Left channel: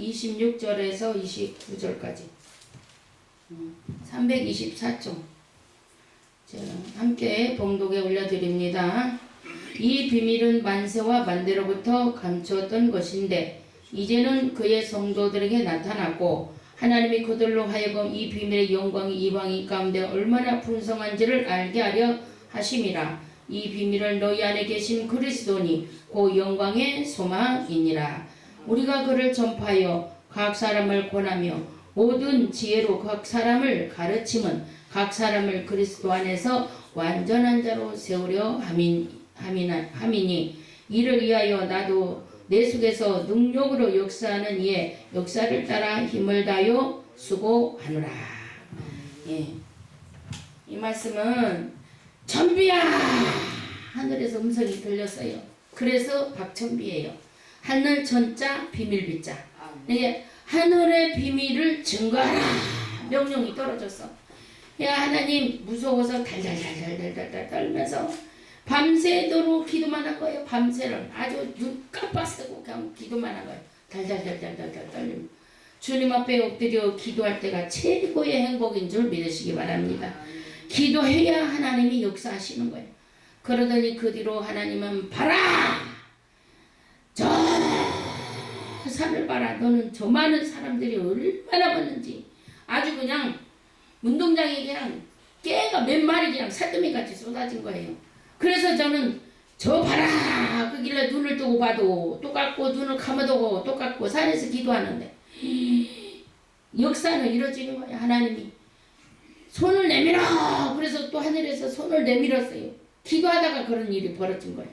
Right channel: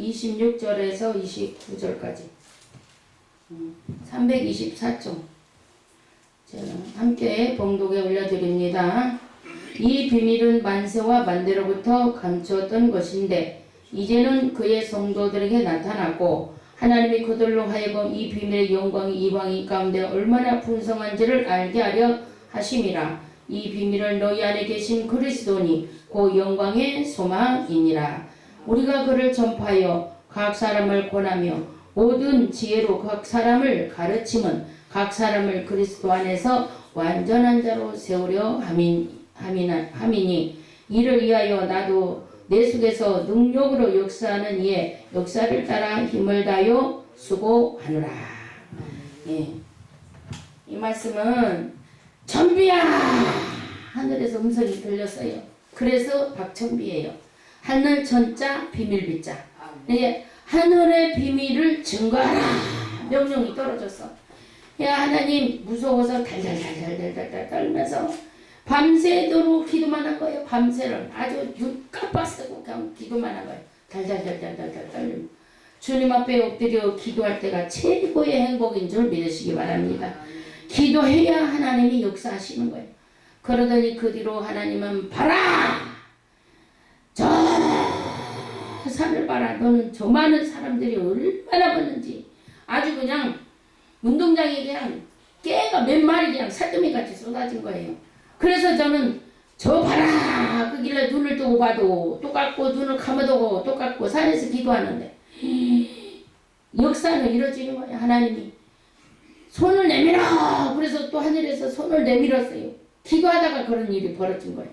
26절에서 29절까지 324쪽 함께 봉독에 올려드립니다. 이 비밀은 만세와 만대로부터 감추었던 것인데 이제는 그의 성도들에게 나타났고 하나님이 그들로 하여금 이 비밀의 영광이 이방인 가운데 얼마나 풍성한지를 알게 하려 하심이라. 이 비밀은 너희 안에 계신 그리스도니 그 영광의 소망이니라. 우리가 그를 전파하여 각 사람을 권하며 모든 지혜로 각 사람을 가르침은 각 사람을 그리스도 안에서 완전한 자로 세우려 함이니 이를 위하여 나도 내 속에서 능력으로 역사하는 이의 역사를 따라 힘을 다하여 수고하노라. 예. 이 말씀은 천비야 하늘에서 음성이 들렸어요. 그래서 박천비예요. 하늘 천자 비밀 비자. 예. 하늘의 비밀을 증거하라 명령이 떨어졌어. 야 하나님 무서워서 달달달달달달 떨면서 밤새도록 기도만 한 거예요. 밤새를 아주 눈 깜빡쓰고 그냥 기도만 한 거예요. 달달달달달달 떨리면 주님 앞에 엎드려 기도할 때가 최고의 행복인 줄 믿으시기 바랍니다. 기도해야 하나님이 역사하시는 거예요. 그러더니 그 뒤로 하나님은 봐라 저 산을 봐라. 너는 저 많은 사람들이 얼마나 봤는지 아주 그냥 운동장에 그냥 깨가 몇 마리 그냥 살더미같이 쏟아진 거예요. 그래서 저는 저 봐라 그 길에 눈을 뜨고 봐도 똑같고 눈을 감아도 똑같고 산에서 기도하는데 역사는 이루어지는 거예요. 하나님이 손을 내밀어. 그래서 또 하늘에서 손을 내밀었어요. 기도하다가 그런 일이 벌어진 거예요.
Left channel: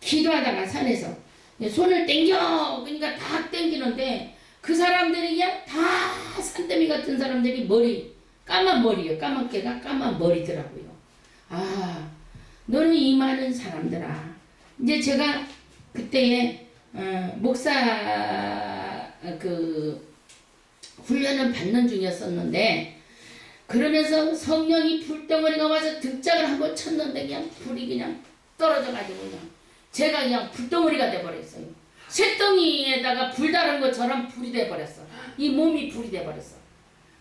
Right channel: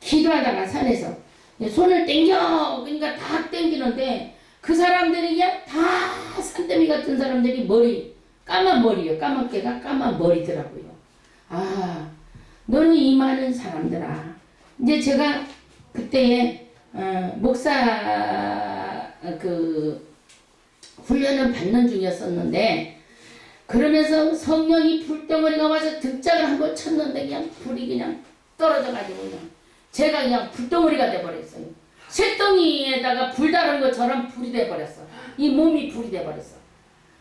기도하다가 산에서 손을 땡겨. 그러니까 다 땡기는데 그 사람들이 그냥 다 산더미 같은 사람들이 머리 까만 머리요. 까만 깨가 까만 머리더라고요. 아 너는 이 많은 사람들아. 이제 제가 그때에 목사 그 훈련을 받는 중이었었는데 그러면서 성령이 불덩어리가 와서 등짝을 한번 쳤는데 그냥 불이 그냥 떨어져가지고 그냥 제가 그냥 불덩어리가 돼버렸어요. 쇳덩이에다가 불 다른 것처럼 불이 돼버렸어. 이 몸이 불이 돼버렸어.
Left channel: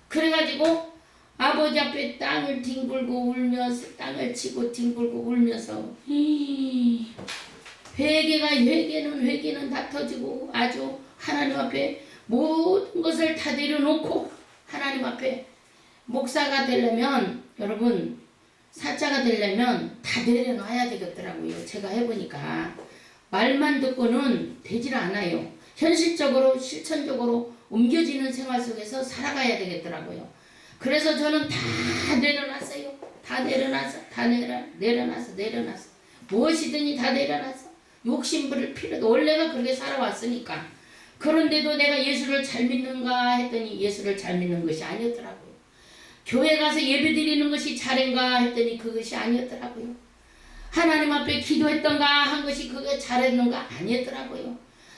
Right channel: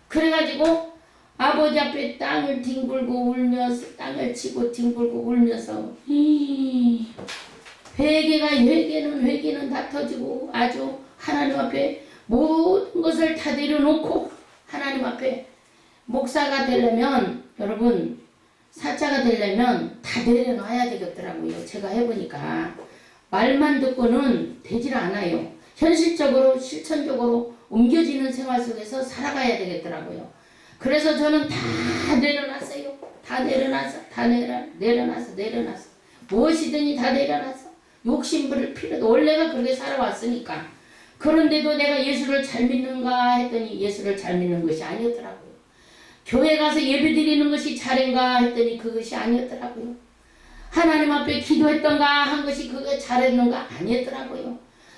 그래가지고 아버지 앞에 땅을 뒹굴고 울면서 땅을 치고 뒹굴고 울면서 회개는 다 터지고 아주 하나님 앞에 모든 것을 다 내려놓고 하나님 앞에 목사가 되려면 여러분 사자가 되려면 다 내려놔야 되겠더라고요. 제가 해보니까 말만 듣고는 되질 않아요. 현실적으로 실천적으로 옮겨지는 생활 속에서 살아가야 되겠더라고요. 그래서 저는 다 내려놨어요. 다 내려놨어. 무엇이든지 다 내려놨어. 욕심 부릴 필요도 원래가 그렇게 살아왔으니까. 그런데도 내가 예수를 잘 믿는가 했더니 예수를 잘 믿는 것이 아니었더라고요. 교회 가서 예배 드리는 것이 잘인가 했더니 그것이 아니었더라고요. 하나님 앞에 기도했던가 한 것이 그게 잘했는가 아니었더라고요.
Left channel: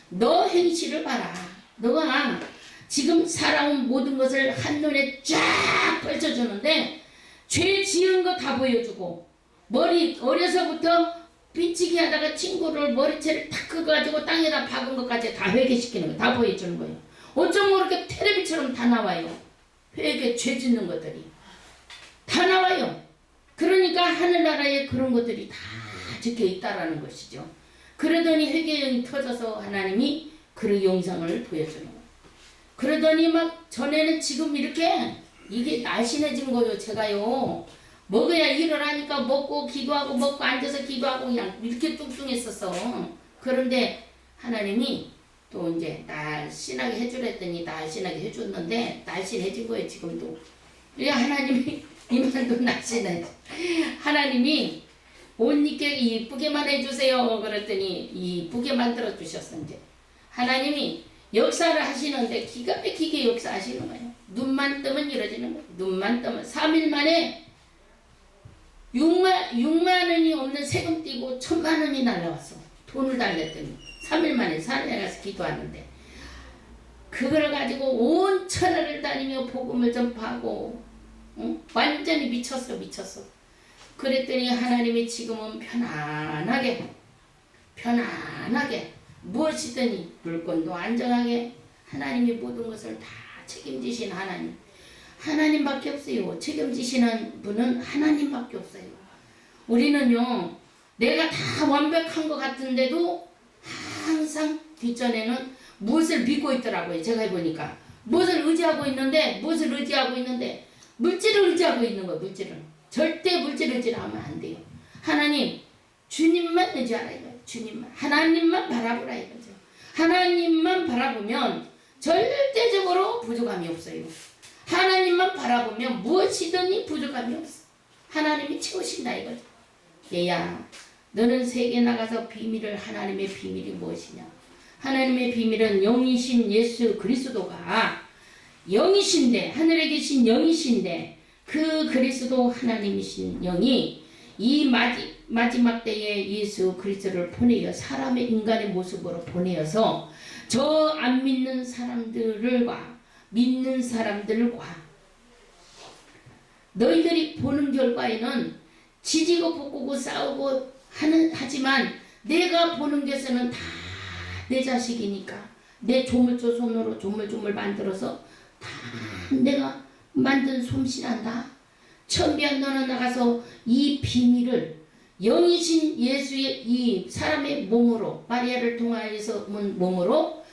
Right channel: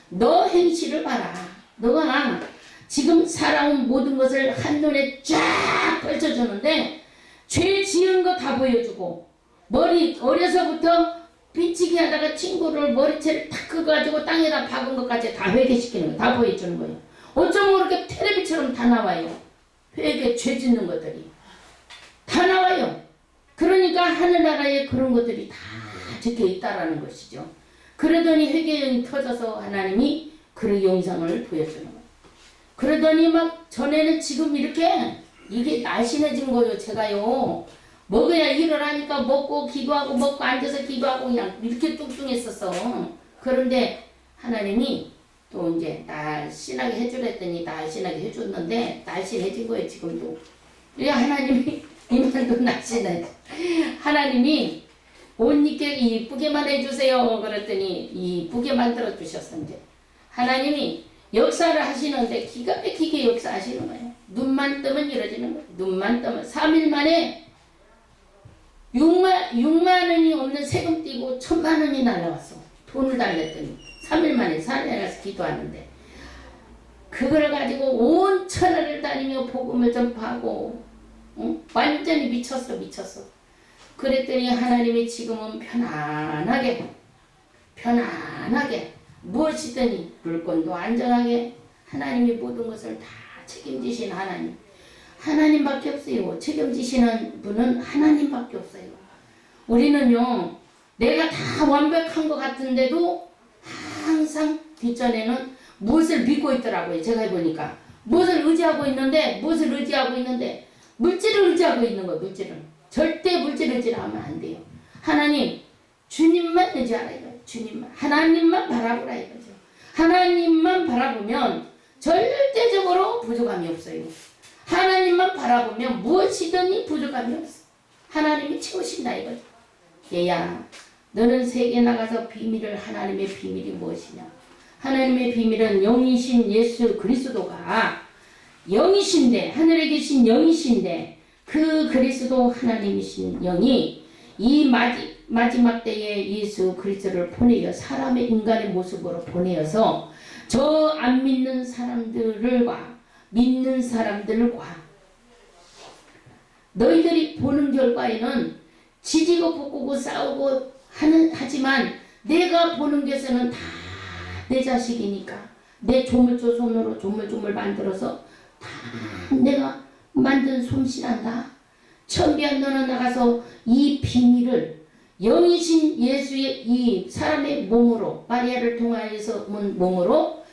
너 행실을 봐라. 너가 지금 살아온 모든 것을 한눈에 쫙 펼쳐주는데 죄 지은 거 다 보여주고 머리 어려서부터 삐치기 하다가 친구를 머리채를 탁 긁어가지고 땅에다 박은 것까지 다 회개시키는 거 다 보여주는 거예요. 어쩜 모르게 텔레비처럼 다 나와요. 회개 죄 짓는 것들이 다 나와요. 그러니까 하늘나라에 그런 것들이 다 적혀 있다라는 것이죠. 그러더니 회개령이 터져서 하나님이 그 영상을 보여주는 거예요. 그러더니 막 전에는 지금 이렇게 이게 날씬해진 거예요. 제가요 먹어야 일을 하니까 먹고 기도하고 먹고 앉아서 기도하고 그냥 이렇게 뚱뚱했었어. 그런데 하나님이 또 이제 날씬하게 해주랬더니 날씬하게 해줬는데 날씬해진 거예요. 지금도. 왜 하나님이 이만도 날씬해. 하나님이 옷 입게 이쁘게만 해주세요. 그랬더니 이쁘게 만들어 주셨어. 이제 하나님이 역사를 하시는데 기가 막히게 역사하시는 거예요. 눈만 뜨면 이루어지는 거예요. 눈만 뜨면 3일 만에 6만 원이 없는 세금 떼고 1,000만 원이 날라왔어. 돈을 달랬더니 3일 만에 산에 가서 기도하는데 그걸 가지고 온 천하를 다니며 복음을 전파하고 완전히 미쳤어. 그랬더니 하나님이 지금은 편안하게 무엇이든지 물건도 안전하게 하나님이 모든 것을 다 책임지신 하나님. 하나님밖에 없어요. 책임지시는 분은 하나님밖에 없어요. 우리는요, 내가 다 완벽한 것 같은데도 항상 뒷전에는 무엇을 믿고 있더라고요. 제가 해보니까 무엇을 의지하고 있는데 물질을 의지하고 있는 거예요. 물질을 절대 물질을 의지하면 안 돼요. 하나님 주님만 의지하라 이거예요. 주님만 하나님만 바라보라 이거죠. 하나님만 바라보면 절대적으로 부족함이 없어요. 하나님만 바라보면 무엇이든지 부족함이 없어. 하나님이 채우신다 이거죠. 얘야, 너는 세계 나가서 비밀을 하나님의 비밀이 무엇이냐? 하나님의 비밀은 영이신 예수 그리스도가 영이신데 하늘에 계신 영이신데 그 그리스도 하나님이신 영이 이 마지막 때에 예수 그리스도를 보내어 사람의 인간의 모습으로 보내어서 저 안 믿는 사람들과 믿는 사람들과 너희들이 보는 결과에는 지지고 볶고 싸우고 하지만 내가 보는 것에는 다 내 자식이니까 내 조물조손으로 조물조물 만들어서 다 내가 만든 솜씨란다. 천비한 너는 나가서 이 비밀을 영이신 예수의 이 사람의 몸으로 마리아를 통하여서 온 몸으로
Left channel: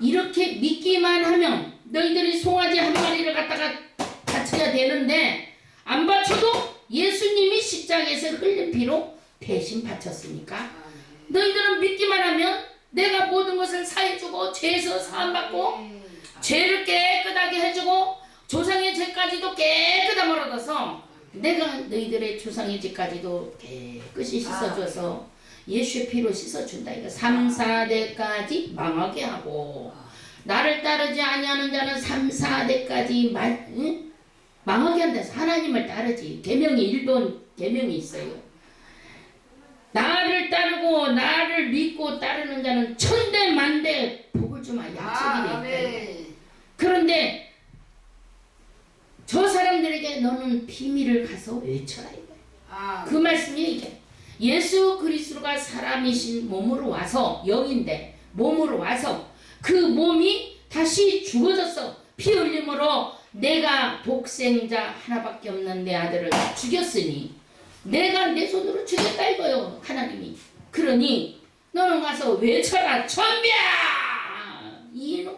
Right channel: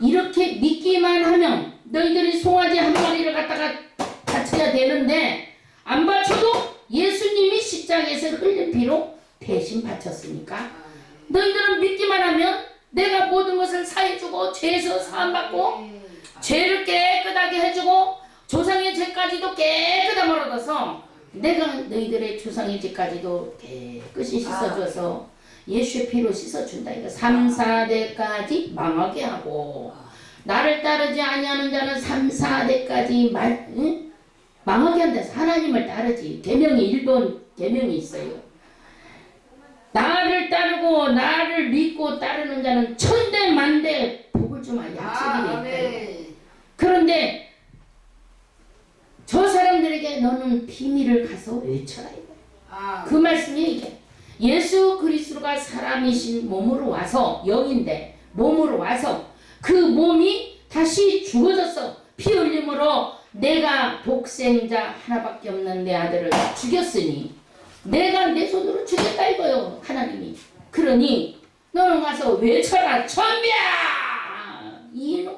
이렇게 믿기만 하면 너희들이 송아지 한 마리를 갖다가 바쳐야 되는데 안 바쳐도 예수님이 십자가에서 흘린 피로 대신 바쳤으니까 너희들은 믿기만 하면 내가 모든 것을 사해주고 죄에서 사함받고 죄를 깨끗하게 해주고 조상의 죄까지도 깨끗하게 멀어져서 내가 너희들의 조상의 죄까지도 깨끗이 씻어줘서 예수의 피로 씻어준다. 이거 3, 4대까지 망하게 하고 나를 따르지 아니하는 자는 3, 4대까지 망하게 한다. 하나님을 따르지. 계명이 1번 계명이 있어요. 나를 따르고 나를 믿고 따르는 자는 천대 만대 복을 주마 약속이 돼 있다. 그런데 저 사람들에게 너는 비밀을 가서 외쳐라 이거예요. 그 말씀이 이게 예수 그리스도가 사람이신 몸으로 와서 영인데 몸으로 와서 그 몸이 다시 죽어졌어. 피 흘림으로 내가 독생자 하나밖에 없는 내 아들을 죽였으니 내가 내 손으로 죽였다 이거요. 하나님이. 그러니 너는 가서 외쳐라. 천비야. 이놈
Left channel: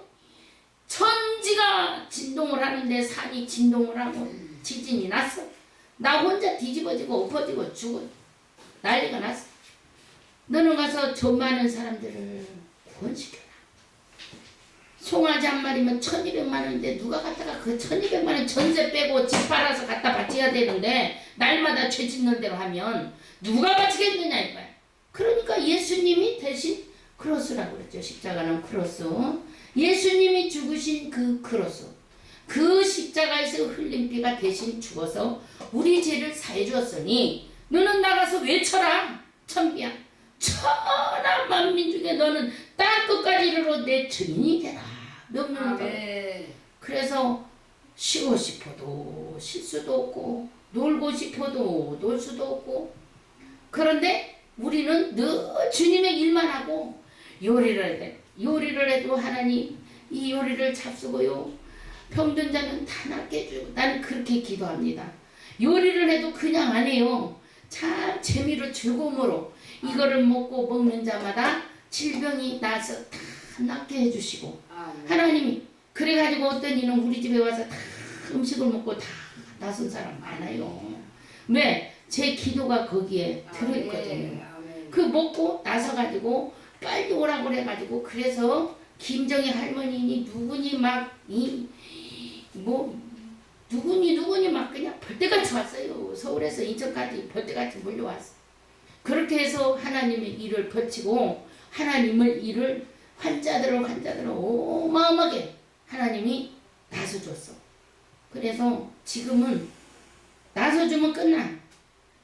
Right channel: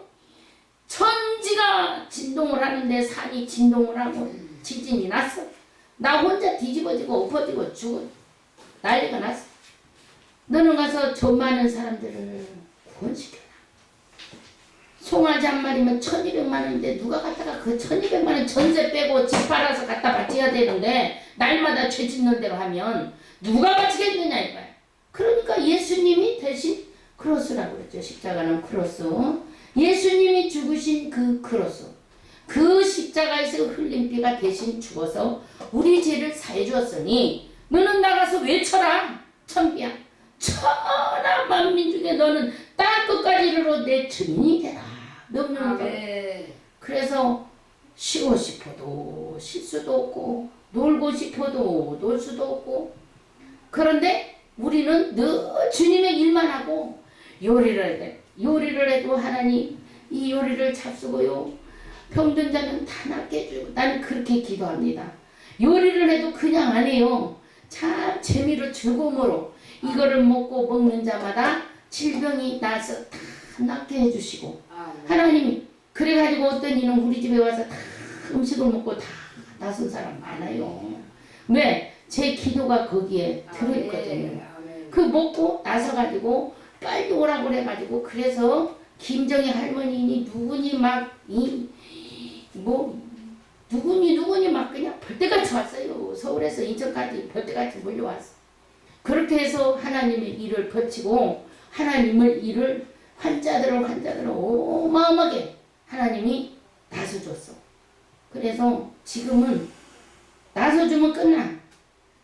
천지가 진동을 하는데 산이 진동을 하고 지진이 났어. 나 혼자 뒤집어지고 엎어지고 죽어 난리가 났어. 너는 가서 저 많은 사람들을 구원시켜라. 송아지 한 마리면 1200만 원인데 누가 갖다가 그 1200만 원 전세 빼고 집 팔아서 갖다 바쳐야 되는데 날마다 죄 짓는 대로 하면 누가 바치겠느냐 이거야. 그러니까 예수님이 대신 크로스라고 그랬죠. 십자가는 크로스. 예수님이 죽으신 그 크로스. 그 십자가에서 흘린 피가 대신 죽어서 우리 죄를 사해 주었으니 너는 나가서 외쳐라. 천비야. 천하 만민 중에 너는 땅 끝까지 이르러 내 증인이 되라. 명령을 받아. 그래서 쉬고 싶어도 쉴 수도 없고 놀고 싶어도 놀 수도 없고 그런데 우리는 늘 주님의 일만 하고 요리를 해도 하나님 이 요리를 잡수고요. 병든 자는 다 낫게 해주고 나는 그렇게 기도합니다. 요리를 해도 그냥 안 해요. 참 재미로 즐거움으로 이거를 먹는 자마다 질병이 나서 다 낫게 해주시고 하나님이 그래가지고 어떤 이는 우리 집에 와서 다 음식을 먹고 다 나선 사람 많아요. 왜? 제 기도가 거기에 들어있거든요. 그 먹고 나서가지고 빨리 오라고 그래가지고 그래서 김정희 할머니니 누구니 막 누구니 막 그냥 벌떼같이 왔어요. 서울에서 인천까지 벌떼같이 몰려왔어. 그렇게 해서 하나님의 일을 펼치고 하나님의 일을 환자들을 어마어마하게 하나님이 나서줬어. 그래서 지금은 나서주면 끝나.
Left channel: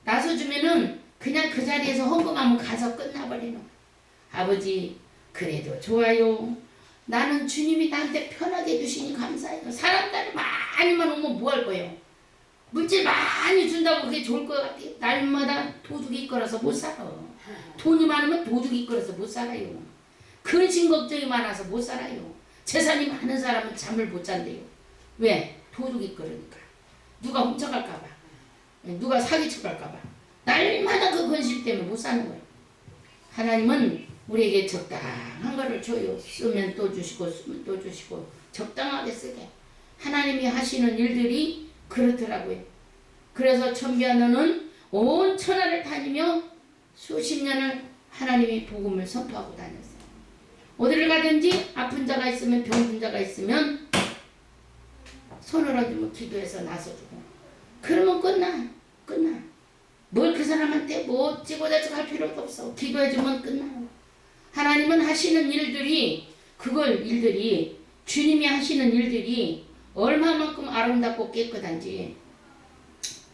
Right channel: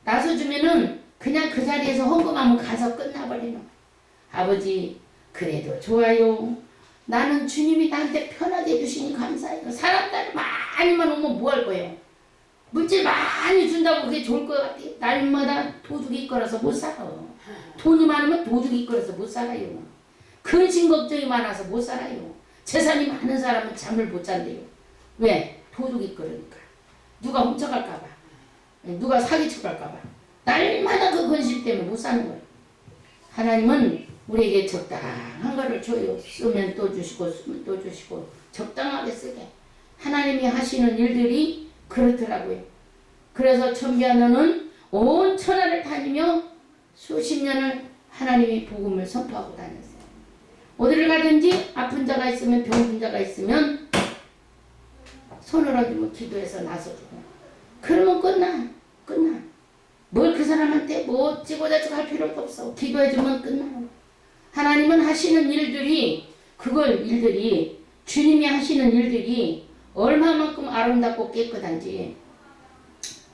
나서주면은 그냥 그 자리에서 헌금하면 가서 끝나버리는 거야. 아버지 그래도 좋아요. 나는 주님이 나한테 편하게 해주시니 감사해요. 사람들 많이만 오면 뭐 할 거예요? 물질 많이 준다고 그게 좋을 것 같아. 날마다 도둑이 이끌어서 못 살아. 돈이 많으면 도둑이 이끌어서 못 살아요. 근심 걱정이 많아서 못 살아요. 재산이 많은 사람은 잠을 못 잔대요. 왜? 도둑이 그러니까. 누가 훔쳐갈까봐. 누가 사기쳐갈까봐. 날마다 그 근심 때문에 못 사는 거예요. 하나님은 우리에게 적당한 거를 줘요. 쓰면 또 주시고 쓰면 또 주시고 적당하게 쓰게. 하나님이 하시는 일들이 그렇더라고요. 그래서 천비하너는 온 천하를 다니며 수십 년을 하나님이 복음을 선포하고 다녔어요. 어디를 가든지 아픈 자가 있으면 병든 자가 있으면 손을 얹으면 기도해서 나서주고 그러면 끝나. 뭘 그 사람한테 뭐 어찌고저찌고 할 필요도 없어. 기도해주면 끝나요. 하나님은 하시는 일들이 주님이 하시는 일들이 얼마만큼 아름답고 깨끗한지.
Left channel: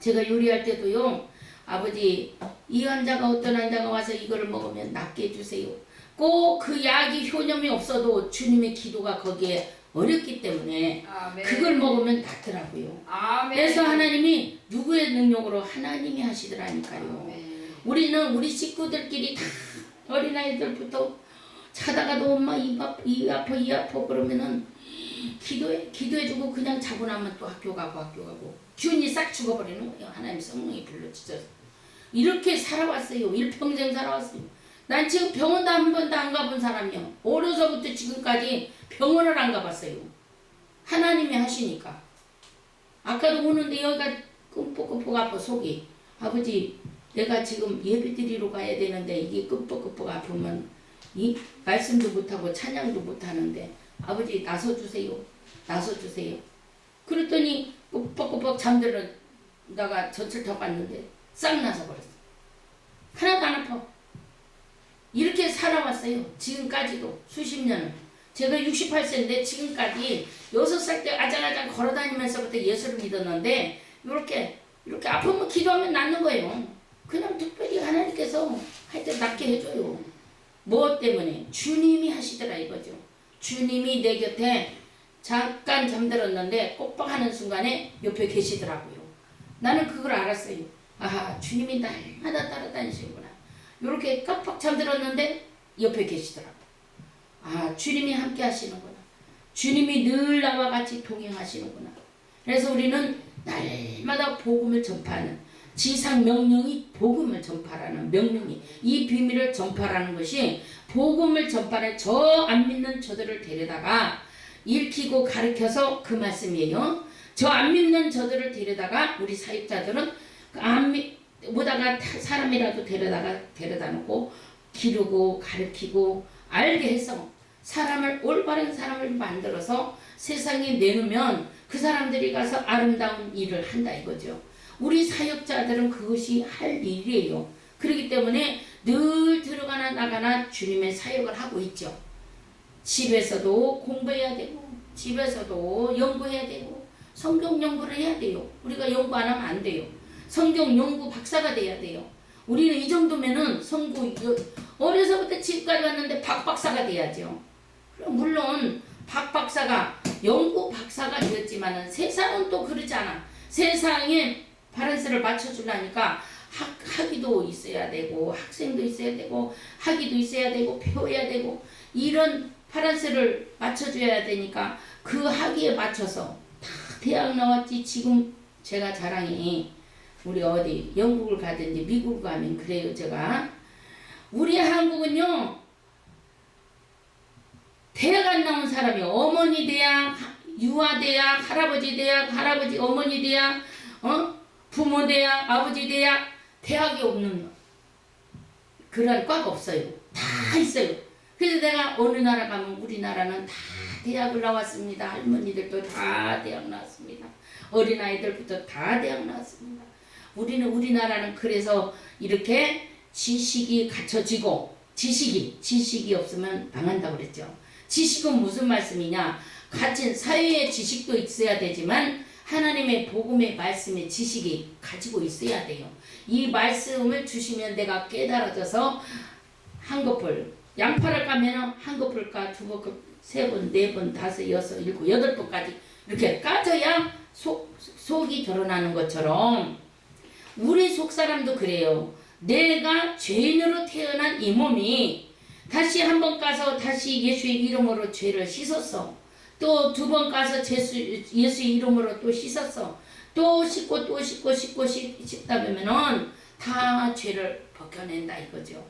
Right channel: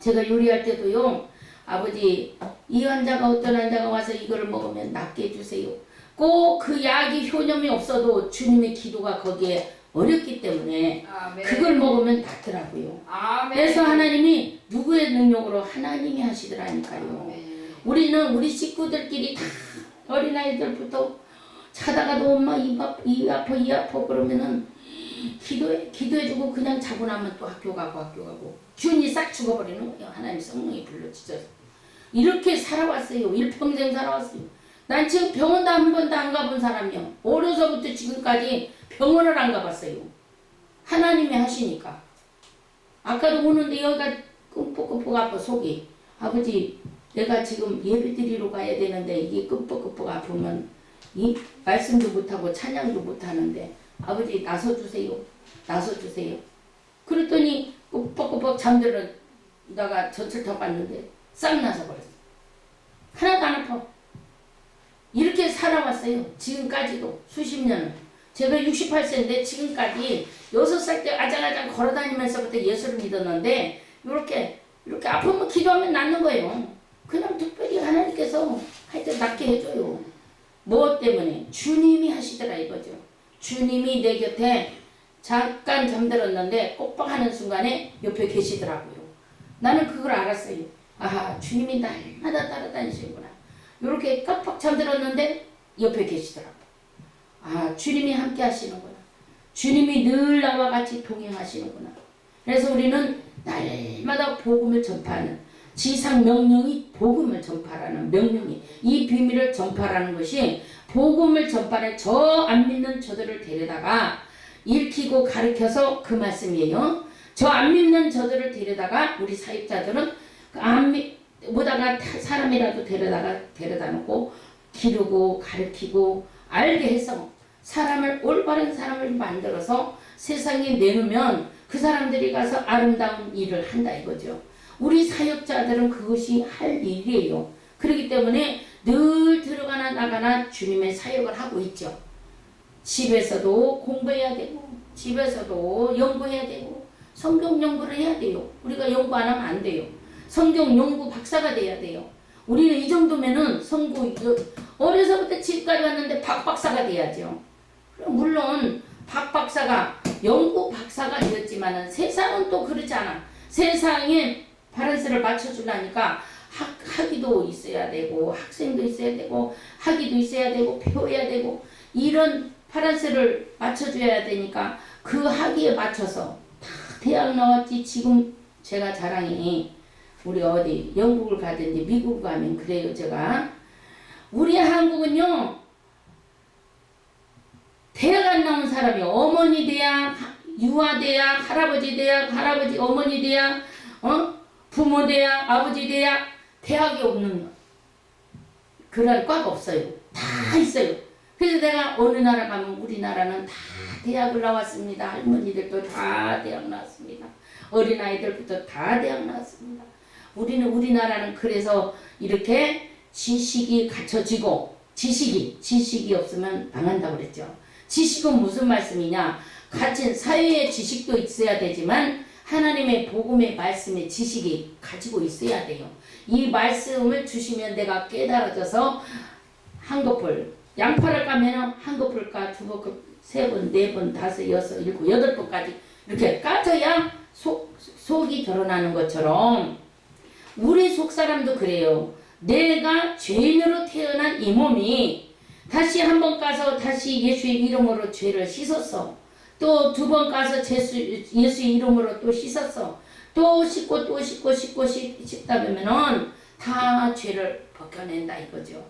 제가 요리할 때도요, 아버지 이 환자가 어떤 환자가 와서 이거를 먹으면 낫게 해주세요. 꼭 그 약이 효념이 없어도 주님의 기도가 거기에 어렵기 때문에 아멘. 그걸 먹으면 낫더라고요. 아멘. 그래서 하나님이 누구의 능력으로 하나님이 하시더라니까요. 아멘. 우리는 우리 식구들끼리 다 어린아이들부터 자다가도 엄마 이 아파 그러면은 기도해주고 그냥 자고 나면 또 학교 가고 균이 싹 죽어버리는 거예요. 하나님 성령이 불러주셔서 이렇게 살아왔어요. 일평생 살아왔어요. 난 지금 병원도 한 번도 안 가본 사람이요. 어려서부터 지금까지 병원을 안 가봤어요. 하나님이 하시니까. 아까도 오는데 여기가 끔뻑끔뻑 아파 속이. 아버지 내가 지금 예배 드리러 가야 되는데 이게 끔뻑끔뻑 아프면 이 말씀도 못하고 찬양도 못하는데 아버지 나서주세요. 그랬더니 끔뻑끔뻑 잠들었다가 젖을 더 봤는데 싹 나서버렸어. 하나도 안 아파. 이렇게 살아왔어요. 지금까지도 수십 년을. 제가 68세인데 지금까지 6살 때 아장아장 걸어다니면서부터 예수를 믿었는데 이렇게 아프면 기도하면 낫는 거예요. 그냥 특별히 하나님께서 할 때 낫게 해줘요. 뭐 때문에? 주님이 하시더라 이거죠. 주님이 내 곁에 잠깐 잠들었는데 꼭박하는 순간에 옆에 계시더라고요. 나는 그걸 알았어요. 아하, 주님이 날마다 따라다니시는구나. 이렇게 깜빡 잠들었는데 옆에 계시더라고요. 아, 주님이 함께 하시는구나. 주님이 늘 나와 같이 동행하시는구나. 그래서 우리는 날마다 복음을 전파하는 지상 명령이 복음을 전파라는 명령이 이 비밀을 전파라는 것이 복음을 전파하는 저 안 믿는 저들을 데려다가 읽히고 가르쳐서 그 말씀이에요. 저 안 믿는 저들을 데려다가 우리 사역자들은 보다가 사람이라도 데려다 놓고 기르고 가르치고 알게 해서 올바른 사람을 만들어서 세상에 내놓으면 그 사람들이 가서 아름다운 일을 한다 이거죠. 우리 사역자들은 그것이 할 일이에요. 그렇기 때문에 늘 들어가나 나가나 주님의 사역을 하고 있죠. 집에서도 공부해야 되고 집에서도 연구해야 되고 성경 연구를 해야 돼요. 우리가 연구 안 하면 안 돼요. 성경 연구 박사가 돼야 돼요. 우리는 이 정도면은 어려서부터 지금까지 왔는데 박 박사가 돼야죠. 물론 박 박사가 연구 박사가 되었지만은 세상은 또 그렇지 않아. 세상에 바란스를 맞춰주려니까 학위도 있어야 되고 학생도 있어야 되고 학위도 있어야 되고 배워야 되고 이런 바란스를 맞춰줘야 되니까 그 학위에 맞춰서 다 대학 나왔지. 지금 제가 자랑이 우리 어디 영국을 가든지 미국 가면 그래요. 제가 우리 한국은요 대학 안 나온 사람이 어머니 대학, 유아 대학, 할아버지 대학, 어머니 대학, 부모 대학, 아버지 대학, 대학이 없는 그런 과가 없어요. 다 있어요. 그래서 내가 어느 나라 가면 우리나라는 다 대학을 나왔습니다. 할머니들도 다 대학 나왔습니다. 어린아이들부터 다 대학 나왔습니다. 우리나라는 그래서 이렇게 지식이 갖춰지고 지식이 없으면 망한다고 그랬죠. 지식은 무슨 말씀이냐? 가진 사회의 지식도 있어야 되지만 하나님의 복음의 말씀의 지식이 가지고 있어야 돼요. 이 말씀을 주시면 내가 깨달아져서 한꺼풀 양파를 까면 한꺼풀 까, 두 번, 세 번, 네 번, 다섯, 여섯, 일곱, 여덟 번까지 이렇게 까져야 속이 드러나는 것처럼 우리 속사람도 그래요. 내가 죄인으로 태어난 이 몸이 다시 한번 가서 다시 예수의 이름으로 죄를 씻었어. 또 2번 가서 예수 이름으로 또 씻었어. 또 씻고 또 씻고 씻다 보면은 다 죄를 벗겨낸다 이거죠.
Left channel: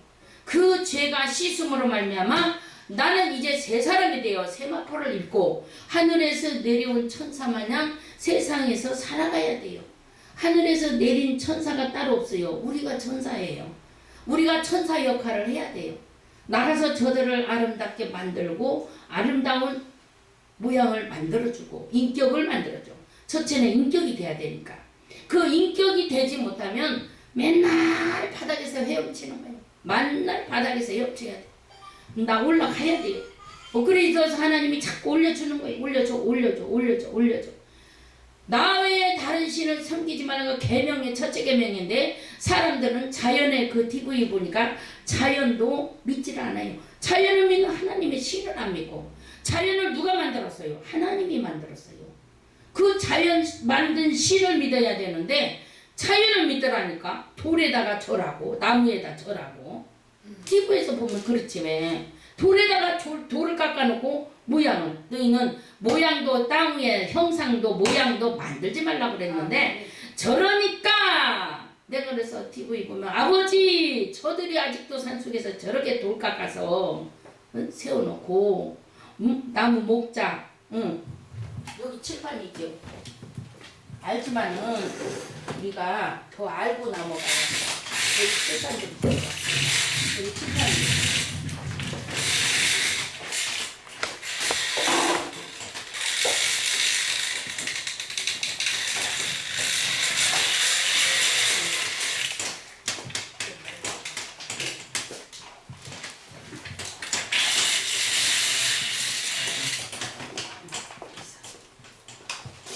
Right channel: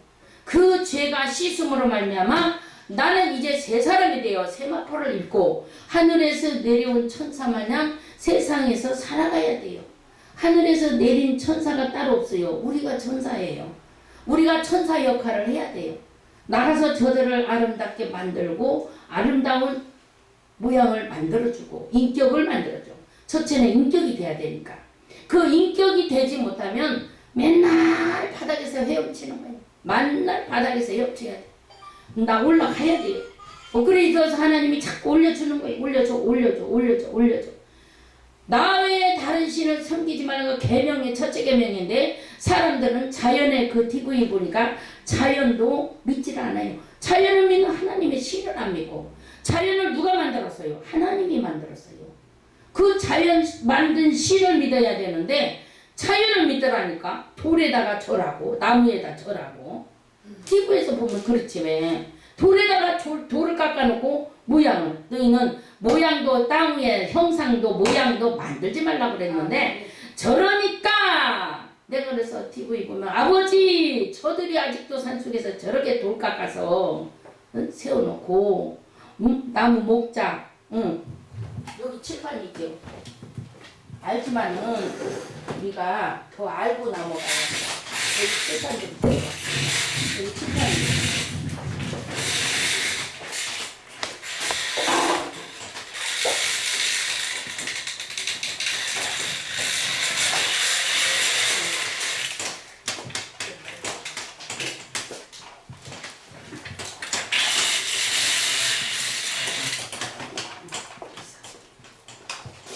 그 죄가 씻음으로 말미암아 나는 이제 새 사람이 되어 세마포를 입고 하늘에서 내려온 천사 마냥 세상에서 살아가야 돼요. 하늘에서 내린 천사가 따로 없어요. 우리가 천사예요. 우리가 천사 역할을 해야 돼요. 나가서 저들을 아름답게 만들고 아름다운 모양을 만들어주고 인격을 만들어줘. 첫째는 인격이 돼야 되니까. 그 인격이 되지 못하면 맨날 바닥에서 헤엄치는 거예요. 맨날 바닥에서 헤엄쳐야 돼. 나 올라가야 돼요. 그래서 하나님이 자꾸 올려주는 거예요. 올려줘. 나 외에 다른 신을 섬기지 말라는 거 계명의 첫째 계명인데 사람들은 자연의 그 TV 보니까 자연도 믿질 않아요. 자연을 믿는 하나님의 신을 안 믿고 자연을 누가 만들었어요? 하나님이 만들었어요. 그 자연 만든 신을 믿어야 되는데 자연을 믿으라니까 돌에다가 절하고 나무에다 절하고 TV에서 보면 그렇지 왜 돌에다가 돌을 깎아놓고 모양을 너희는 모양도 땅 위에 형상도 모양도 만들지 말라고 그랬는데 저러니까 내가 그래서 TV 보면 아버지 저들이 아직도 산속에서 저렇게 돌 깎아서 세워놓고 나무 목자 여기 칠판 있죠. 알지만은 우리가 더 알고 넘어가야 돼. 여기 칠판 좀 있어요. 여기 칠판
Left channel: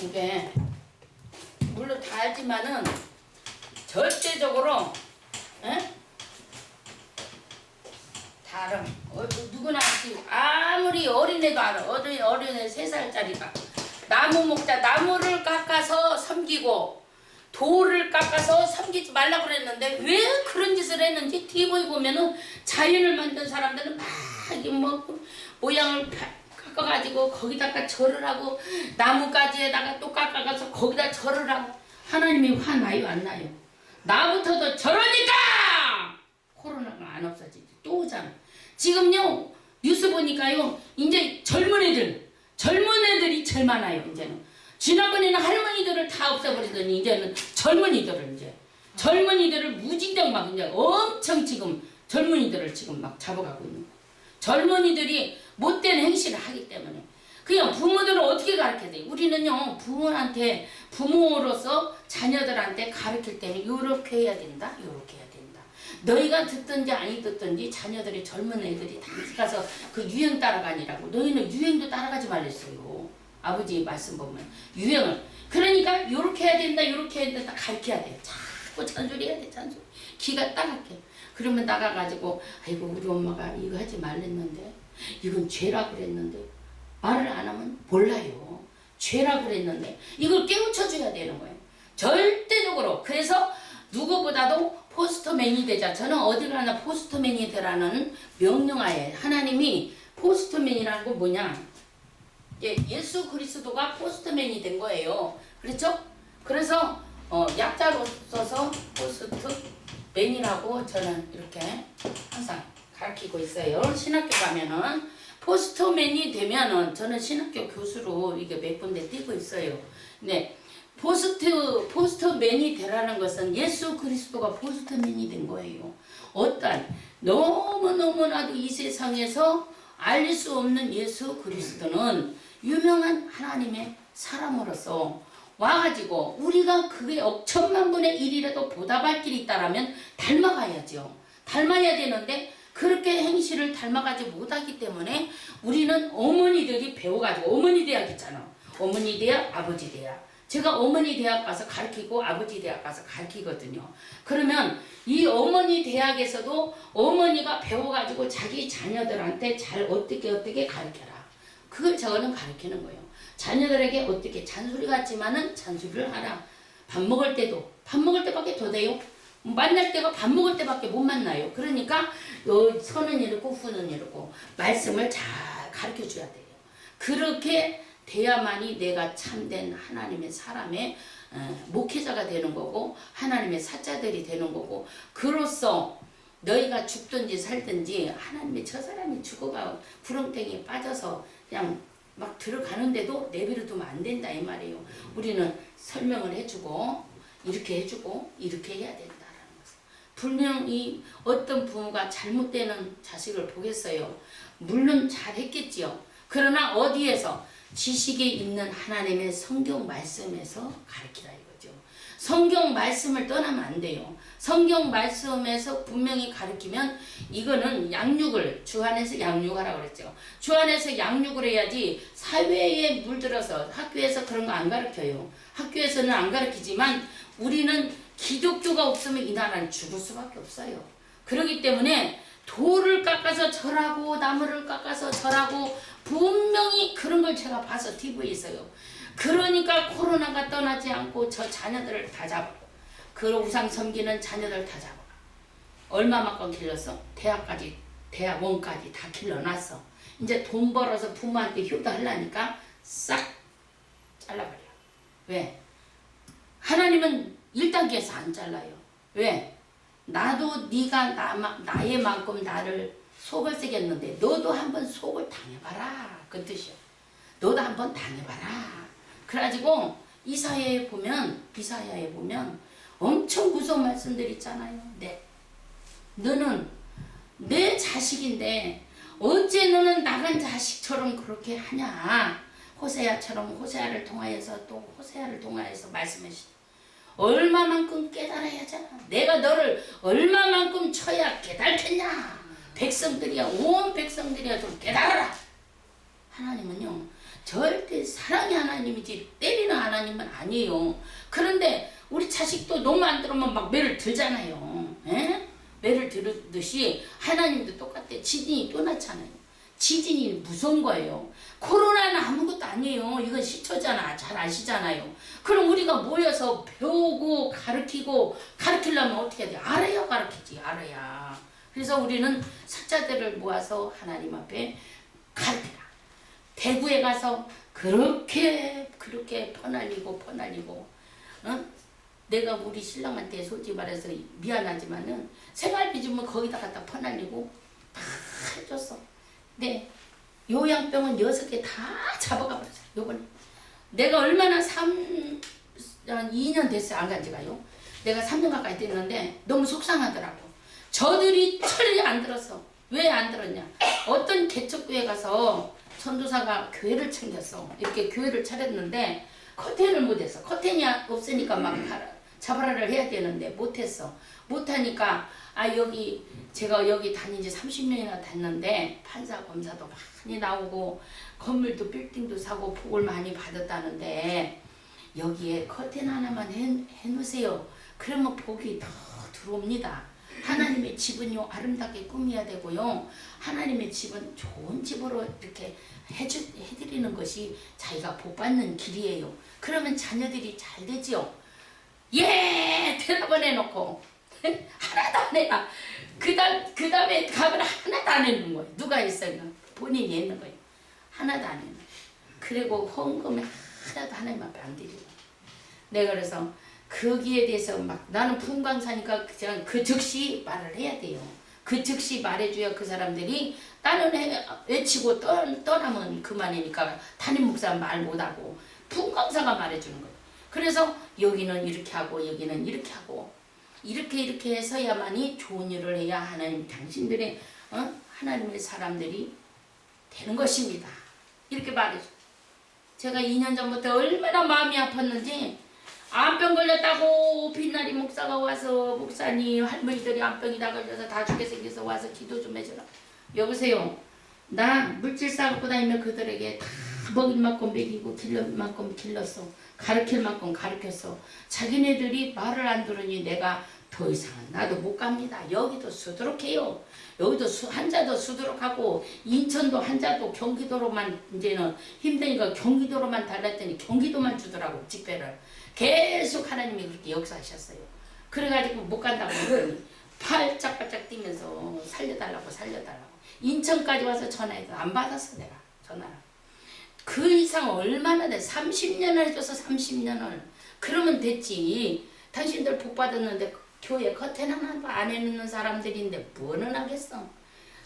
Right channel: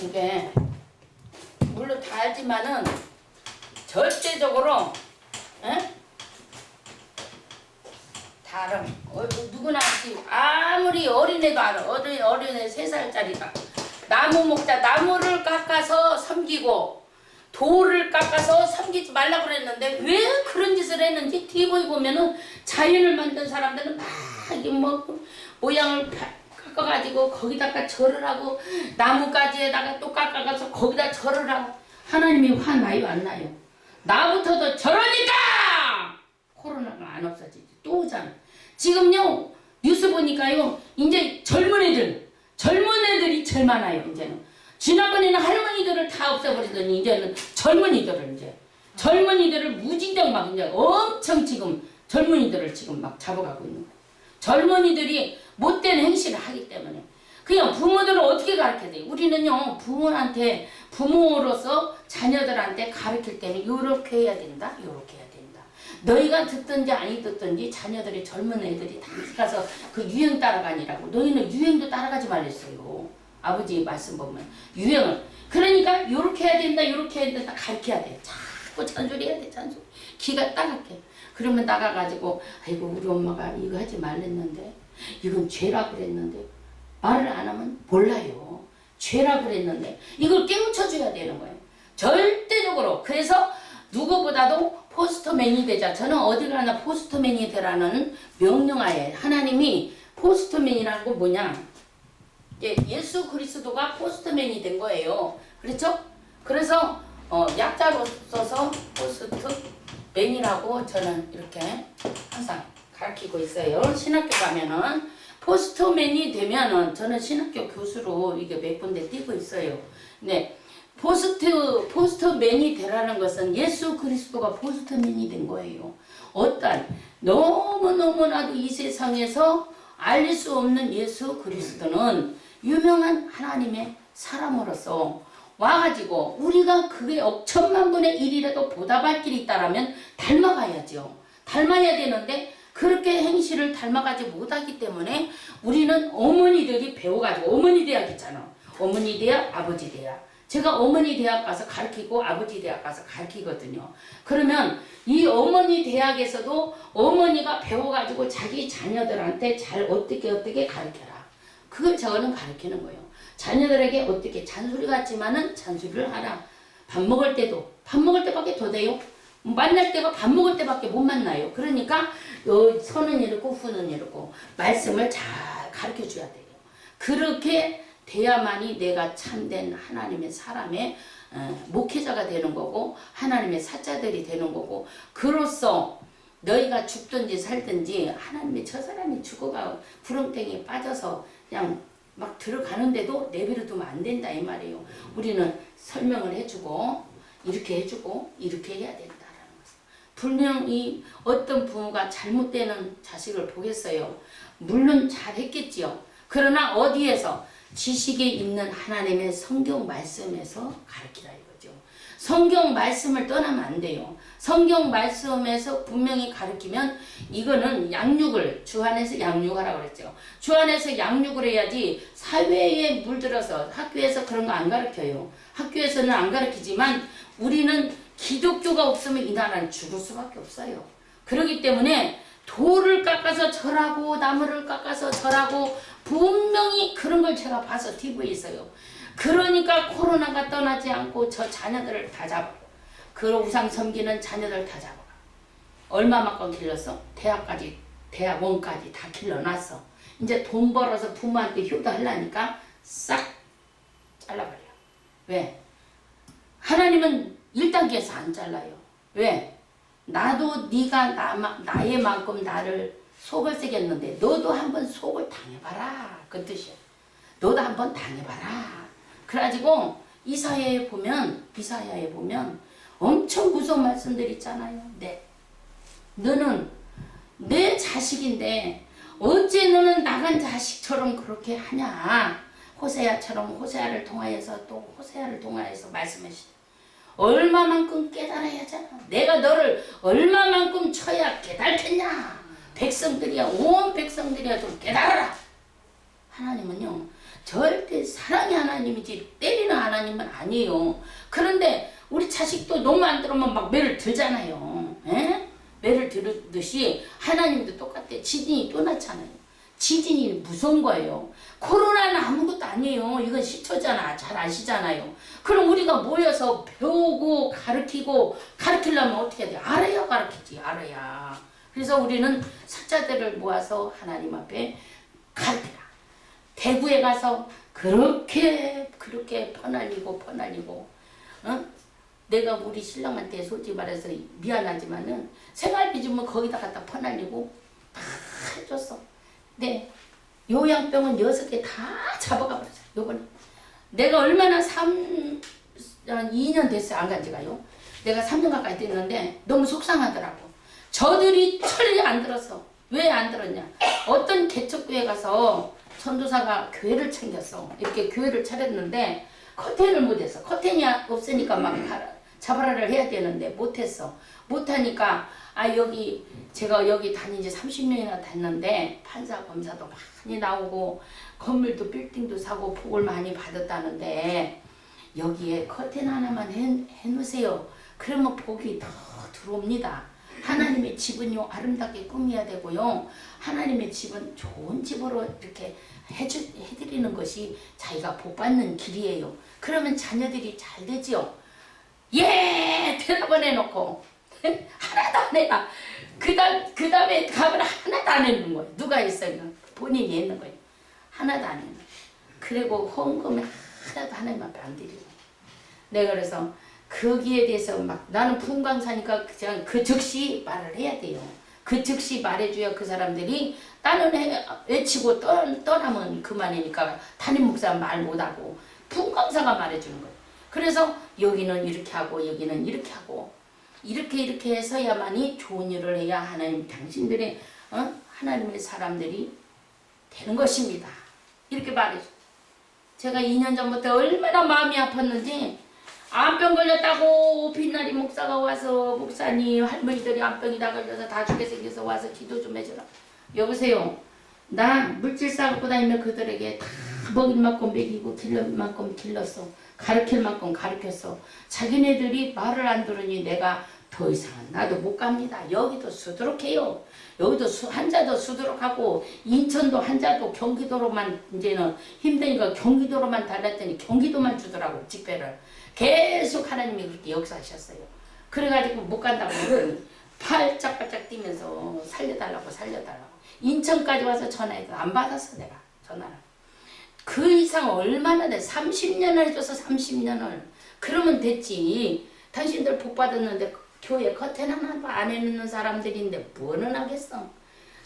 이게 물론 다 알지만은 절대적으로 다름 누구나 아무리 어린애도 알아. 어린애 3살짜리가 나무 목자 나무를 깎아서 섬기고 돌을 깎아서 섬기지 말라고 그랬는데 왜 그런 짓을 했는지 TV 보면은 자연을 만든 사람들은 막 모양을 깎아가지고 거기다가 절을 하고 나무가지에다가 또 깎아가서 거기다 절을 하고 하나님이 화나요 안 나요? 나부터도 저러니까 코로나가 안 없어지지 또 오잖아. 지금요 뉴스 보니까요 이제 젊은 애들이 제일 많아요. 이제는 지난번에는 할머니들을 다 없애버리더니 이제는 젊은이들을 무진장 막 이제 엄청 지금 젊은이들을 지금 막 잡아가고 있는 거예요. 젊은이들이 못된 행실을 하기 때문에 그냥 부모들은 어떻게 가르쳐야 돼요? 우리는요 부모로서 자녀들한테 가르칠 때는 요렇게 해야 된다 요렇게 해야 된다. 너희가 듣든지 아니 듣든지 자녀들이 젊은 애들이 다 가서 그 유행 따라가니라고. 너희는 유행도 따라가지 말랬어요. 아버지 말씀 보면 유행을 그러니까 요렇게 해야 된다 요렇게 해야 된다 가르쳐야 돼. 자꾸 잔소리해야 돼 잔소리. 기가 따갑게. 그러면 나가가지고 아이고 우리 엄마가 이거 하지 말랬는데 이건 죄라 그랬는데 말을 안 하면 몰라요. 죄라 그랬는데 이걸 깨우쳐줘야 되는 거예요. 절대적으로. 그래서 누구보다도 포스터맨이 되자. 저는 어디 가나 포스터맨이 되라는 명령하에 하나님이 포스터맨이라는 건 뭐냐 예수 그리스도가 포스터맨이 된 거예요. 그렇죠? 그래서 약자로 써서 포스트맨이라고 저는 이렇게 항상 가르치고 있어요. 신학교 가면은 포스터맨이 되면은 저는 신학교 교수로 이게 몇 군데 뛰고 있어요. 네. 포스터맨이 되라는 것은 예수 그리스도가 포스터맨이 된 거예요. 어떤 너무너무나도 이 세상에서 알릴 수 없는 예수 그리스도는 유명한 하나님의 사람으로서 와가지고 우리가 그게 억천만 분의 1이라도 보답할 길이 있다라면 닮아가야죠. 닮아야 되는데 그렇게 행실을 닮아가지 못하기 때문에 우리는 어머니들이 배워가지고 어머니 대학 있잖아. 어머니 대학, 아버지 대학. 제가 어머니 대학 가서 가르치고 아버지 대학 가서 가르치거든요. 그러면 이 어머니 대학에서도 어머니가 배워가지고 자기 자녀들한테 잘 어떻게 가르쳐라. 그걸 저는 가르치는 거예요. 자녀들에게 어떻게 잔소리 같지만은 잔소리를 하라. 밥 먹을 때밖에 더 돼요. 만날 때가 밥 먹을 때밖에 못 만나요. 그러니까 선은 이렇고 후는 이렇고 말씀을 잘 가르쳐 줘야 돼요. 그렇게 돼야만이 내가 참된 하나님의 사람의 목회자가 되는 거고 하나님의 사자들이 되는 거고 그로써 너희가 죽든지 살든지 하나님의 저 사람이 죽어가 구렁텅이에 빠져서 그냥 막 들어가는데도 내버려 두면 안 된다 이 말이에요. 우리는 설명을 해주고 이렇게 해주고 이렇게 해야 된다라는 것을. 분명히 어떤 부모가 잘못되는 자식을 보겠어요. 물론 잘했겠지요. 그러나 어디에서? 지식에 있는 하나님의 성경 말씀에서 가르치라 이거죠. 성경 말씀을 떠나면 안 돼요. 성경 말씀에서 분명히 가르치면 이거는 양육을 주 안에서 양육하라고 그랬죠. 주 안에서 양육을 해야지 사회에 물들어서 학교에서 그런 거 안 가르쳐요. 학교에서는 안 가르치지만 우리는 기독교가 없으면 이 나라는 죽을 수밖에 없어요. 그렇기 때문에 돌을 깎아서 절하고 나무를 깎아서 절하고 분명히 그런 걸 제가 봐서 TV에서요. 그러니까 코로나가 떠나지 않고 저 자녀들을 다 잡아. 그 우상 섬기는 자녀들 다 잡아. 얼마만큼 길렀어? 대학원까지 다 길러놨어. 이제 돈 벌어서 부모한테 효도하려니까 싹 잘라버려. 왜? 하나님은 1단계에서 안 잘라요. 왜? 나도 네가 나의 만큼 나를 속을 새겼는데 너도 한번 속을 당해봐라. 그 뜻이야. 너도 한번 당해봐라. 그래가지고 이사야에 보면 엄청 무서운 말씀들 있잖아요. 너는 내 자식인데 어째 너는 나간 자식처럼 그렇게 하냐. 호세아를 통하여서 말씀하시죠. 얼마만큼 깨달아야 하잖아. 내가 너를 얼마만큼 쳐야 깨달겠냐. 온 백성들이야 좀 깨달아라. 하나님은요 절대 사랑의 하나님이지 때리는 하나님은 아니에요. 그런데 우리 자식도 너무 안 들으면 막 매를 들잖아요. 에? 매를 들듯이 하나님도 똑같아. 지진이 또 났잖아요. 지진이 무서운 거예요. 코로나는 아무것도 아니에요. 이건 시초잖아. 잘 아시잖아요. 그럼 우리가 모여서 배우고 가르치려면 어떻게 해야 돼? 알아야 가르치지. 알아야. 그래서 우리는 사자들을 모아서 하나님 앞에 가르치라. 대구에 가서 그렇게 퍼날리고 내가 우리 신랑한테 솔직히 말해서 미안하지만은 생활비 주면 거기다 갖다 퍼날리고 다 해줬어. 네, 요양병원 6개 다 잡아가 버렸어요. 요번에 내가 얼마나 2년 됐어요. 안 간 지가요. 내가 3년 가까이 됐는데 너무 속상하더라고. 저들이 철이 안 들었어. 왜 안 들었냐? 어떤 개척교회 가서 전도사가 교회를 챙겼어. 이렇게 교회를 차렸는데 커튼을 못했어. 커튼이 없으니까 막 자바라를 해야 되는데 못했어. 못하니까 제가 여기 다닌 지 30년이나 됐는데 판사 검사도 많이 나오고 건물도 빌딩도 사고 복을 많이 받았다는데 여기에 커튼 하나만 해놓으세요. 그러면 복이 더 들어옵니다. 하나님의 집은요 아름답게 꾸며야 되고요. 하나님의 집은 좋은 집으로 이렇게 해드리는 것이 자기가 복받는 길이에요. 그러면 자녀들이 잘 되지요. 예! 대답을 해놓고 하나도 안 해라. 그 다음에 값을 하나도 안 해놓은 거예요. 누가 했어요? 본인이 했는 거예요. 하나도 안 해놓은 거예요. 그리고 헌금을 하나도 하나님 앞에 안 드리고. 내가 그래서 거기에 대해서 막 나는 부흥강사니까 그냥 그 즉시 말을 해야 돼요. 그 즉시 말해줘야 그 사람들이 나는 외치고 떠나면 그만이니까 담임 목사 말 못하고 부흥강사가 말해주는 거예요. 그래서 여기는 이렇게 하고 여기는 이렇게 하고 이렇게 해서야만이 좋은 일을 해야 하나님 당신들의 하나님의 사람들이 되는 것입니다. 이렇게 말해줘. 제가 2년 전부터 얼마나 마음이 아팠는지 암병 걸렸다고 빛나리 목사가 와서 목사님 할머니들이 암병이 다 걸려서 다 죽게 생겨서 와서 기도 좀 해줘라. 여보세요. 나 물질 싸갖고 다니면 그들에게 다 먹일 만큼 먹이고 길릴 만큼 길렀어. 가르칠 만큼 가르쳤어. 자기네들이 말을 안 들으니 내가 더 이상은 나도 못 갑니다. 여기도 수두룩해요. 여기도 한자도 수두룩하고 인천도 한자도 경기도로만 이제는 힘드니까 경기도로만 달랐더니 경기도만 주더라고 집회를. 계속 하나님이 그렇게 역사하셨어요. 그래가지고 못 간다고 했더니 팔짝팔짝 뛰면서 살려달라고 인천까지 와서 전화해도 안 받았어. 내가 전화를 그 이상 얼마나 돼? 30년을 해줘서 30년을. 그러면 됐지. 당신들 복 받았는데 교회 커튼 하나 안 해놓는 사람들인데 뭐는 하겠어.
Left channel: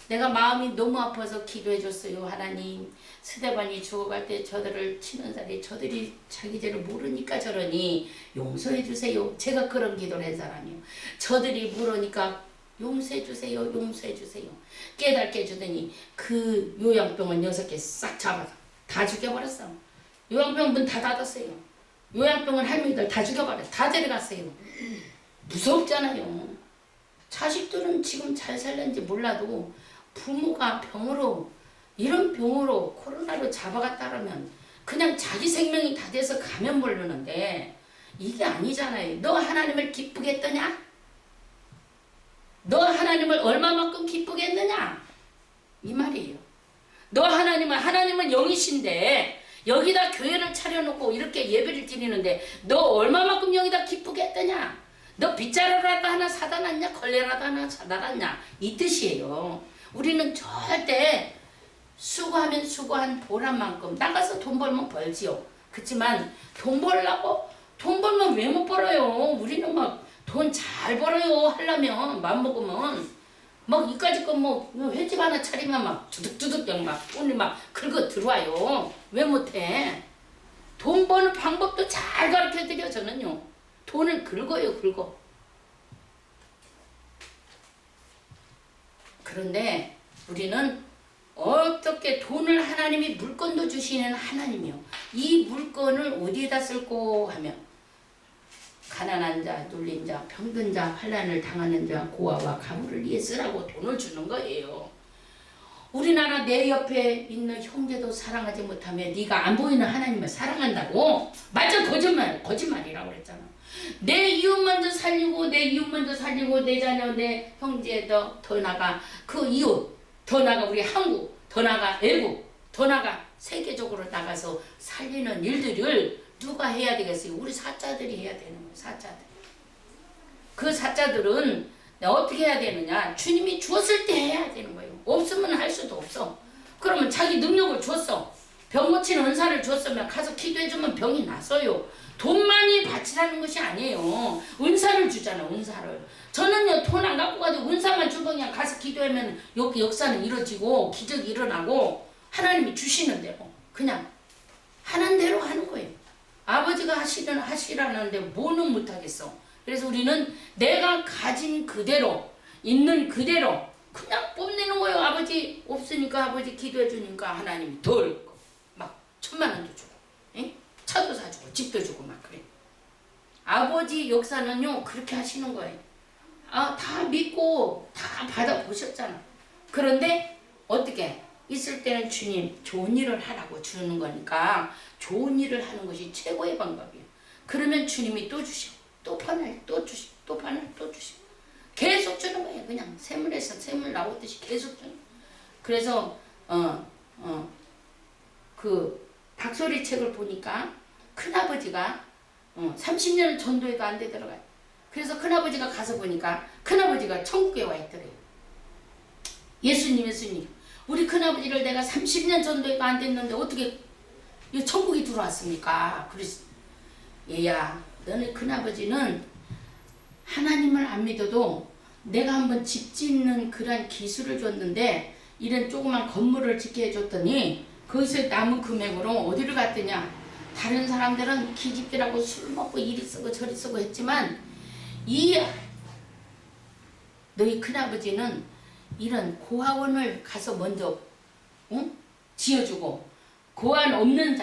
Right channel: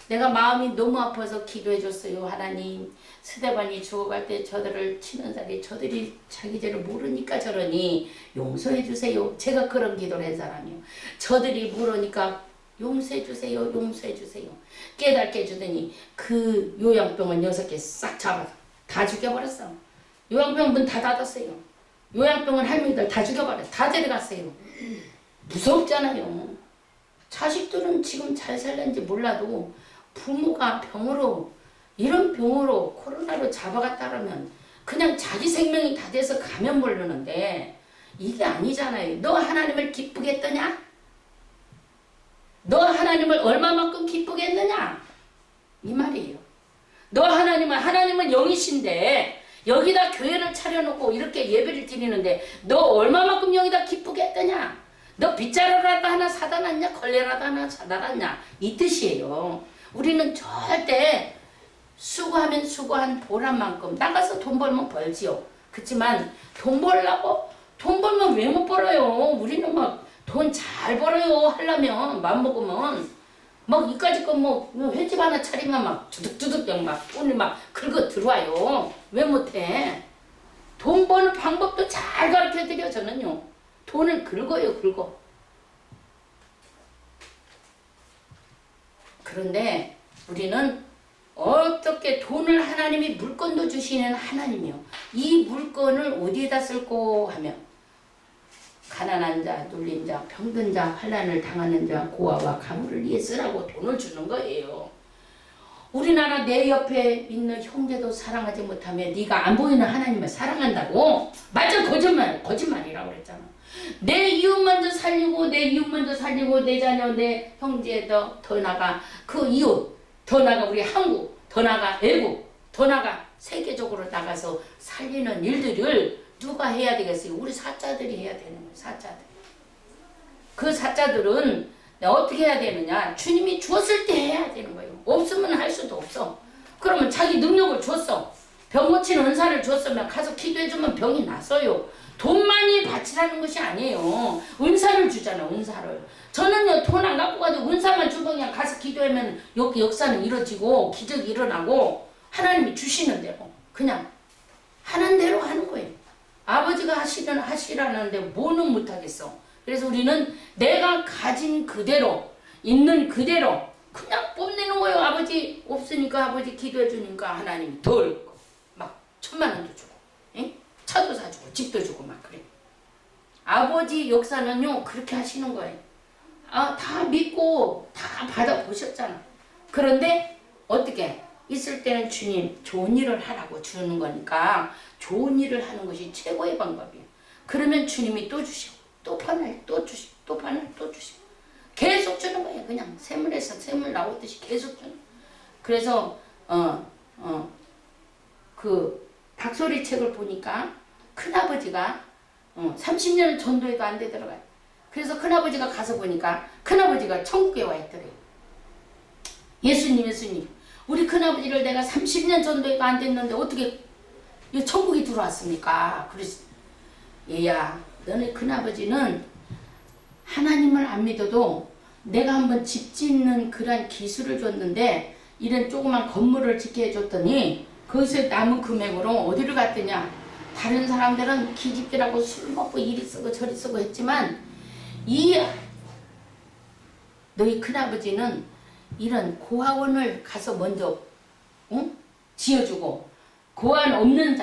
내가 마음이 너무 아파서 기도해줬어요. 하나님, 스데반이 죽어갈 때 저들을 치는 자리, 저들이 자기 죄를 모르니까 저러니 용서해주세요. 제가 그런 기도를 한 사람이요. 저들이 모르니까 용서해주세요. 용서해주세요. 깨닫게 해주더니 그 요양병원 6개 싹 잡아서 다 죽여버렸어. 요양병원 문 다 닫았어요. 요양병원 할머니들 다 죽여버렸어. 다 데려갔어요. 무섭잖아요. 자식들은 지금 잘 살는지 몰라도 부모가 병으로, 이런 병으로 코로나로 잡아갔다라면 그냥 자기 생명이 다 돼서 가면 모르는데 이게 아니잖아요. 너 하나님을 기쁘게 했더냐? 너 하나님을 얼마만큼 기쁘게 했느냐? 이 말이에요. 너 하나님은 영이신데 여기다 교회를 차려놓고 이렇게 예배를 드리는데 너 얼마만큼 여기다 기쁘게 했더냐? 너 빗자루라도 하나 사다 놨냐? 걸레라도 하나 사다 놨냐? 이 뜻이에요. 우리는 절대 수고하면 수고한 보람만큼 나가서 돈 벌면 벌지요. 그렇지만 돈 벌려고? 돈 벌면 왜 못 벌어요? 우리는 막 돈 잘 벌어요. 하려면 맘먹으면 막 이까짓 거 뭐 횟집 하나 차리면 막 두둑두둑 막 돈이 막 긁어 들어와요. 왜 못해? 돈 버는 방법도 잘 가르쳐 드려. 저는요. 돈을 긁어. 그런데 우리는 어떻게 돈을 하나님이 물건도 주시는 하나님이요. 이 물건을 어디에다 쓸고 하면 가난한 자, 눌린 자, 병든 자, 환난을 당하는 자, 고아와 가물을 위해 쓰라고 돈을 주는 거예요. 우리나라 내 옆에 있는 형제도 사랑하지 못하면 네가 안 보이는 하나님을 사랑한다고? 맞아, 거짓말이라고 그랬잖아. 내 이웃 먼저 살리고 내 자녀, 내 형제 더 나가 그 이웃, 더 나가 우리 한국, 더 나가 외국, 더 나가 세계적으로 나가서 살리는 일들을 누가 해야 되겠어요? 우리 사자들이 해야 되는 거예요. 사자들. 그 사자들은 어떻게 해야 되느냐? 주님이 주었을 때 해야 되는 거예요. 없으면 할 수도 없어. 그러면 자기 능력을 줬어. 병 고치는 은사를 줬으면 가서 기도해주면 병이 나서요. 돈 많이 바치라는 것이 아니에요. 은사를 주잖아. 은사를. 저는요, 돈 안 갖고 가도 은사만 주고 그냥 가서 기도하면 여기 역사는 이루어지고 기적이 일어나고 하나님이 주시는 대로 그냥 하는 대로 하는 거예요. 아버지가 하시라는데 뭐는 못하겠어. 그래서 우리는 내가 가진 그대로, 있는 그대로 그냥 뽐내는 거예요. 아버지 없으니까 아버지 기도해 주니까 하나님이 덜 막 1000,000원도 주고, 에? 차도 사주고, 집도 주고 막 그래. 아버지 역사는요 그렇게 하시는 거예요. 다 믿고 다 받아보셨잖아. 그런데 어떻게? 있을 때는 주님 좋은 일을 하라고 주는 거니까 좋은 일을 하는 것이 최고의 방법이에요. 그러면 주님이 또 주시고 또 판을 또 주시고 또 판을 또 주시고 계속 주는 거예요. 그냥 샘물에서 샘물 나오듯이 계속 주는 거예요. 그래서 그 박소리 책을 보니까 큰아버지가 30년 전도해도 안 되더라고요. 그래서 큰아버지가 가서 보니까 큰아버지가 천국에 와 있더래요. 예수님 우리 큰아버지를 내가 30년 전도해도 안 됐는데 어떻게 이 천국에 들어왔습니까? 그래서 얘야 너네 큰아버지는 하나님을 안 믿어도 내가 한번 집 짓는 그런 기술을 줬는데 이런 조그만 건물을 짓게 해줬더니 거기서 남은 금액으로 어디를 갔더냐. 다른 사람들은 기집애라고 술 먹고 이리 쓰고 저리 쓰고 했지만 너희 큰아버지는 이런 고아원을 가서 먼저 지어주고 고아원 없는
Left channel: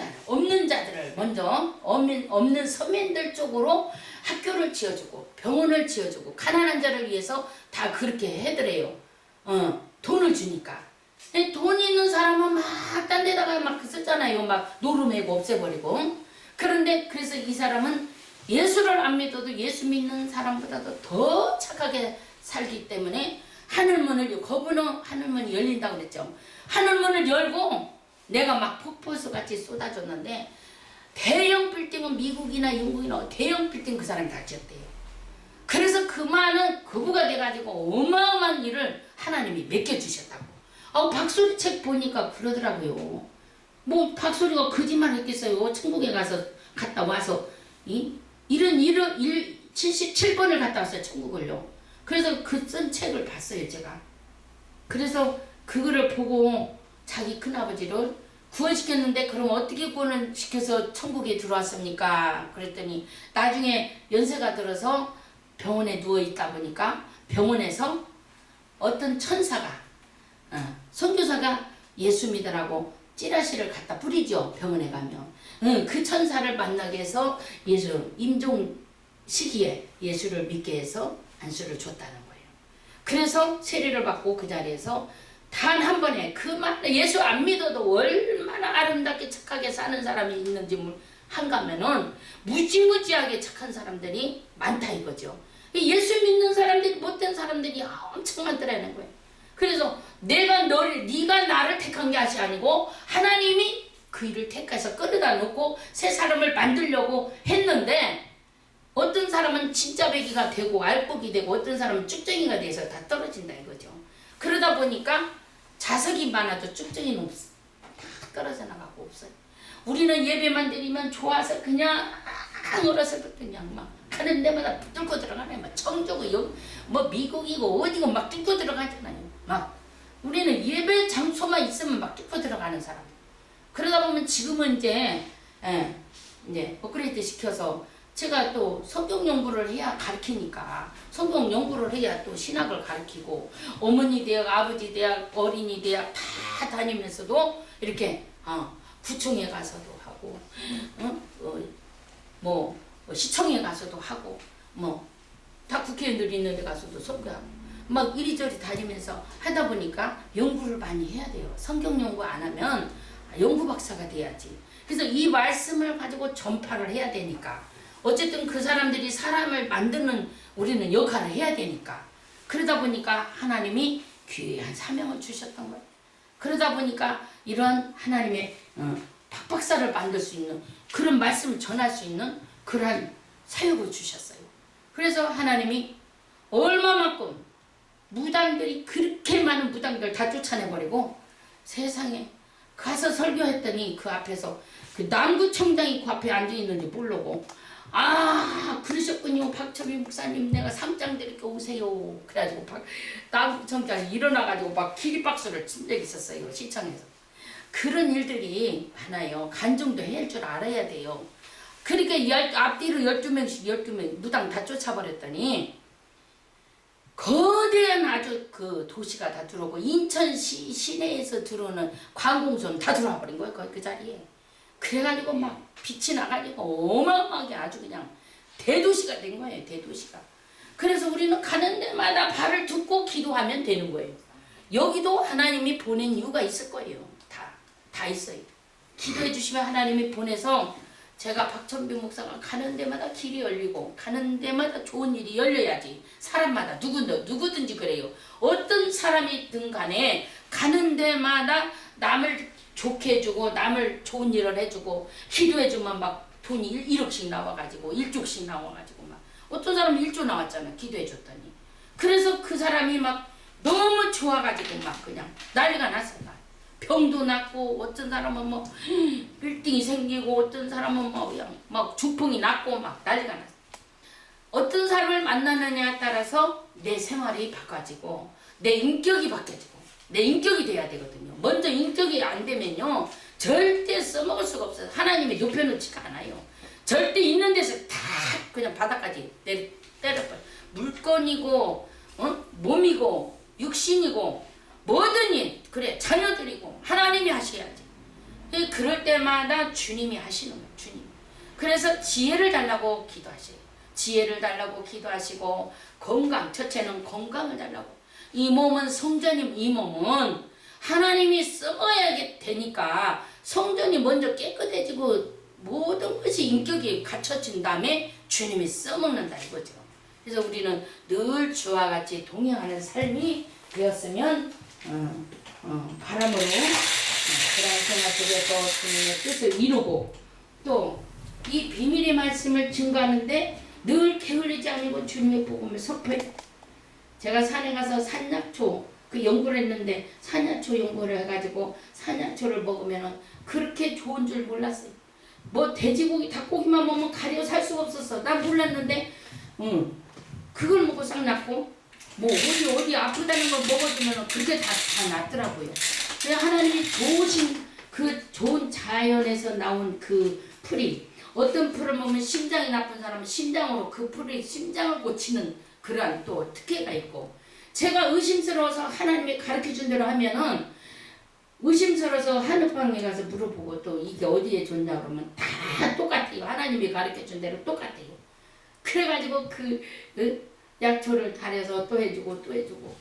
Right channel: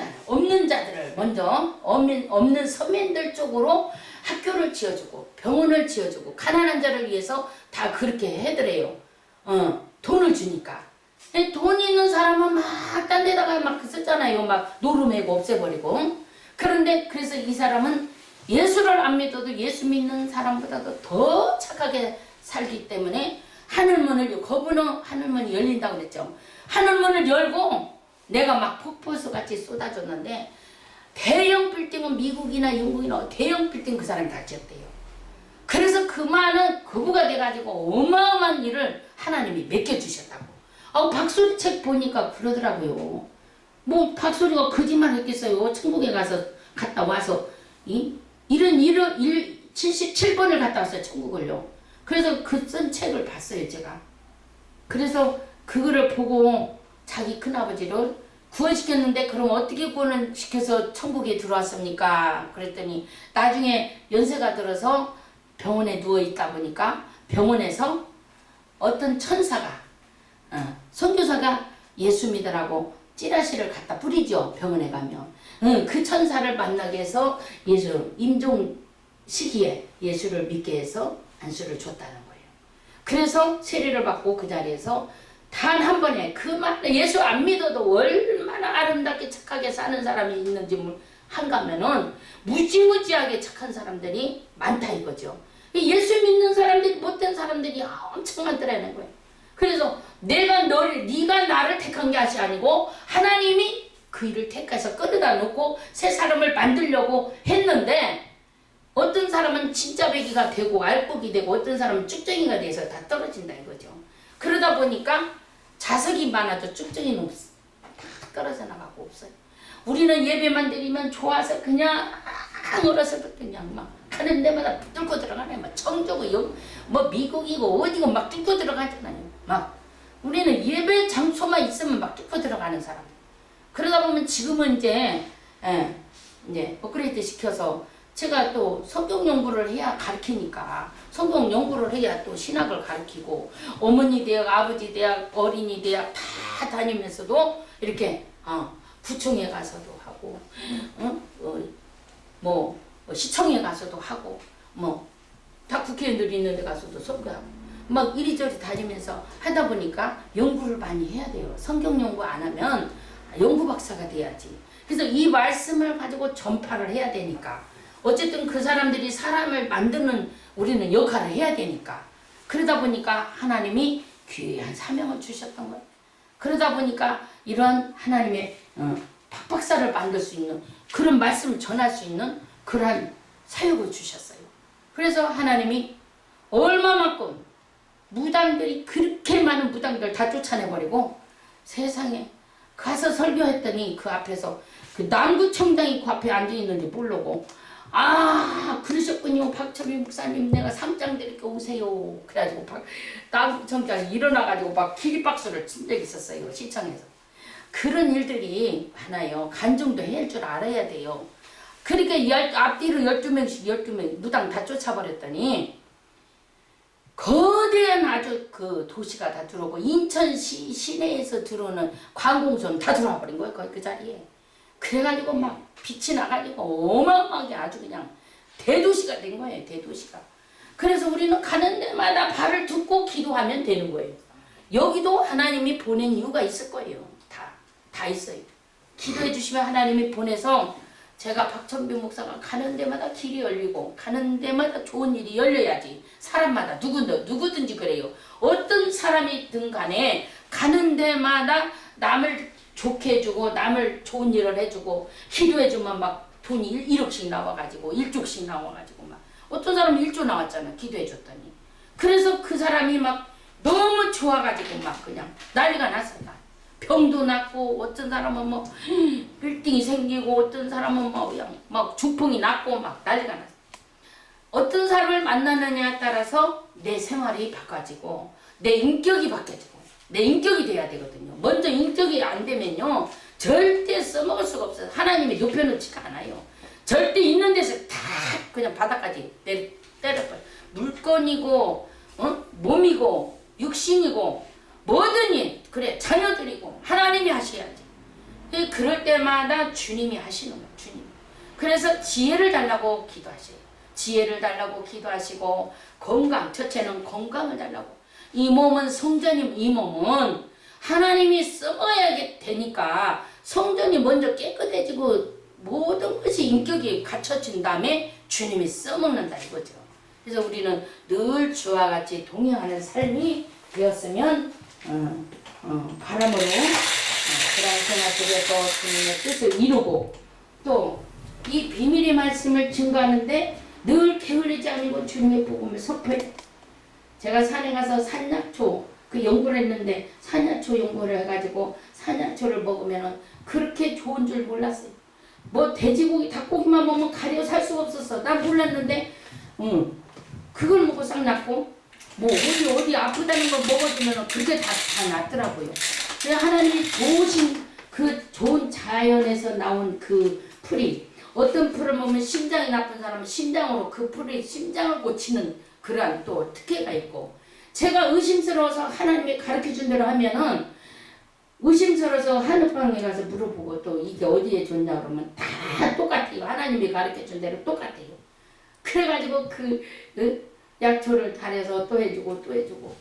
자들을 먼저 없는 서민들 쪽으로 학교를 지어주고 병원을 지어주고 가난한 자를 위해서 다 그렇게 해더래요. 돈을 주니까. 돈 있는 사람은 막 딴 데다가 막 썼잖아요. 막 노름해고 없애버리고. 그런데 그래서 이 사람은 예수를 안 믿어도 예수 믿는 사람보다도 더 착하게 살기 때문에 하늘문을 거부는 하늘문이 열린다고 그랬죠. 하늘문을 열고 내가 막 폭포수 같이 쏟아줬는데 대형 빌딩은 미국이나 영국이나 대형 빌딩 그 사람이 다 지었대요. 그래서 그 많은 거부가 돼가지고 어마어마한 일을 하나님이 맡겨주셨다고. 박소리 책 보니까 그러더라고요. 뭐 박소리가 거짓말 했겠어요. 천국에 가서 갔다 와서 이런 77번을 갔다 왔어요. 천국을요. 그래서 그 쓴 책을 봤어요. 제가. 그래서 그거를 보고 자기 큰아버지를 구원시켰는데 그럼 어떻게 구원시켜서 천국에 들어왔습니까? 그랬더니 나중에 연세가 들어서 병원에 누워있다 보니까 병원에서 어떤 천사가 선교사가 예수 믿으라고 찌라시를 갖다 뿌리죠. 병원에 가면. 그 천사를 만나게 해서 예수 임종 시기에 예수를 믿게 해서 안수를 줬다는 거예요. 그래서 세례를 받고 그 자리에서 단 한 번에 예수 안 믿어도 얼마나 아름답게 착하게 사는 사람이 있는지 한가면은 무지무지하게 착한 사람들이 많다 이거죠. 예수 믿는 사람들이 못된 사람들이 엄청 많더라는 거예요. 그래서 네가 나를 택한 게 아니고 하나님이 그 일을 택해서 끌어다 놓고 새 사람을 만들려고 했는데 어떤 사람은 진짜 배기가 되고 알복이 되고 어떤 사람은 쭉정이가 돼서 다 떨어진다 이거죠. 그러다 보니까 자석이 많아도 쭉정이는 없어. 다 떨어져 나가고 없어요. 우리는 예배만 드리면 좋아서 그냥 어렸을 때 그냥 막 가는 데마다 뚫고 들어가네. 막 청주고 뭐 미국이고 어디고 막 뚫고 들어가잖아요. 막 우리는 예배 장소만 있으면 막 뚫고 들어가는 사람. 그러다 보면 지금은 이제 업그레이드 시켜서 제가 또 성경 연구를 해야 가르치니까 성경 연구를 해야 또 신학을 가르치고 어머니 대학, 아버지 대학, 어린이 대학 다 다니면서도 이렇게 구청에 가서도 하고 시청에 가서도 하고 다 국회의원들 있는 데 가서도 선거하고 막 이리저리 다니면서 하다 보니까 연구를 많이 해야 돼요. 성경 연구 안 하면 연구 박사가 돼야지. 그래서 이 말씀을 가지고 전파를 해야 되니까 어쨌든 그 사람들이 사람을 만드는 우리는 역할을 해야 되니까 그러다 보니까 하나님이 귀한 사명을 주셨던 거예요. 그러다 보니까 이런 하나님의 박박사를 만들 수 있는 그런 말씀을 전할 수 있는 그러한 사역을 주셨어요. 그래서 하나님이 얼마만큼 무당들이 그렇게 많은 무당들 다 쫓아내버리고 세상에 가서 설교했더니 그 앞에서 그 남구청장이 그 앞에 앉아있는지 모르고 그러셨군요. 박철미 목사님 내가 상장 드릴게 오세요. 그래가지고 남구청장이 일어나가지고 막 기립박수를 친 적이 있었어요. 시청에서. 그런 일들이 많아요. 간증도 해야 줄 알아야 돼요. 그러니까 앞뒤로 12명씩 12명 무당 다 쫓아버렸더니 거대한 아주 그 도시가 다 들어오고 인천시 시내에서 들어오는 관공서는 다 들어와 버린 거예요. 거기 그 자리에. 그래가지고 막 빛이 나가지고 어마어마하게 아주 그냥 대도시가 된 거예요. 대도시가. 그래서 우리는 가는 데마다 발을 딛고 기도하면 되는 거예요. 여기도 하나님이 보낸 이유가 있을 거예요. 다 있어요. 기도해 주시면 하나님이 보내서 제가 박천비 목사가 가는 데마다 길이 열리고 가는 데마다 좋은 일이 열려야지. 사람마다 누구든지 그래요. 어떤 사람이든 간에 가는 데마다 남을 좋게 해주고 남을 좋은 일을 해주고 기도해주면 막 돈이 1억씩 나와가지고 1조씩 나와가지고 막 어떤 사람은 1조 나왔잖아. 기도해줬더니. 그래서 그 사람이 막 너무 좋아가지고 막 그냥 난리가 났어. 병도 났고 어떤 사람은 뭐 빌딩이 생기고 어떤 사람은 뭐 그냥 막 주풍이 났고 막 난리가 났어. 어떤 사람을 만나느냐에 따라서 내 생활이 바꿔지고 내 인격이 바뀌어지고 내 인격이 돼야 되거든요. 먼저 인격이 안 되면요 절대 써먹을 수가 없어요. 하나님이 높여놓지가 않아요. 절대 있는 데서 다 그냥 바닥까지 때려버려. 물건이고 몸이고 육신이고 뭐든 일 그래 자녀들이고 하나님이 하셔야지. 그럴 때마다 주님이 하시는 거예요. 주님. 그래서 지혜를 달라고 기도하셔요. 지혜를 달라고 기도하시고 건강, 첫째는 건강을 달라고. 이 몸은 성전이 이 몸은 하나님이 써먹어야 되니까 성전이 먼저 깨끗해지고 모든 것이 인격이 갖춰진 다음에 주님이 써먹는다 이거죠. 그래서 우리는 늘 주와 같이 동행하는 삶이 되었으면 바람으로 그런 생활 속에서 주님의 뜻을 이루고 또 이 비밀의 말씀을 증거하는데 늘 게을리지 않고 주님의 복음을 선포해. 제가 산에 가서 산약초 그 연구를 했는데 산야초 연구를 해가지고 산야초를 먹으면은 그렇게 좋은 줄 몰랐어요. 뭐 돼지고기, 닭고기만 먹으면 가려 살 수가 없었어. 난 몰랐는데, 그걸 먹고 싹 낫고, 뭐 어디 아프다는 거 먹어주면 그렇게 다 낫더라고요. 그래서 하나님이 좋으신 그 좋은 자연에서 나온 그 풀이, 어떤 풀을 먹으면 심장이 나쁜 사람은 심장으로 그 풀이 심장을 고치는 그러한 또 특혜가 있고, 제가 의심스러워서 하나님이 가르쳐준 대로 하면은 의심스러워서 한의방에 가서 물어보고 또 이게 어디에 좋냐 그러면 다 똑같아요. 하나님이 가르쳐준 대로 똑같아요. 그래가지고 그 약초를 달여서 또 해주고 또 해주고,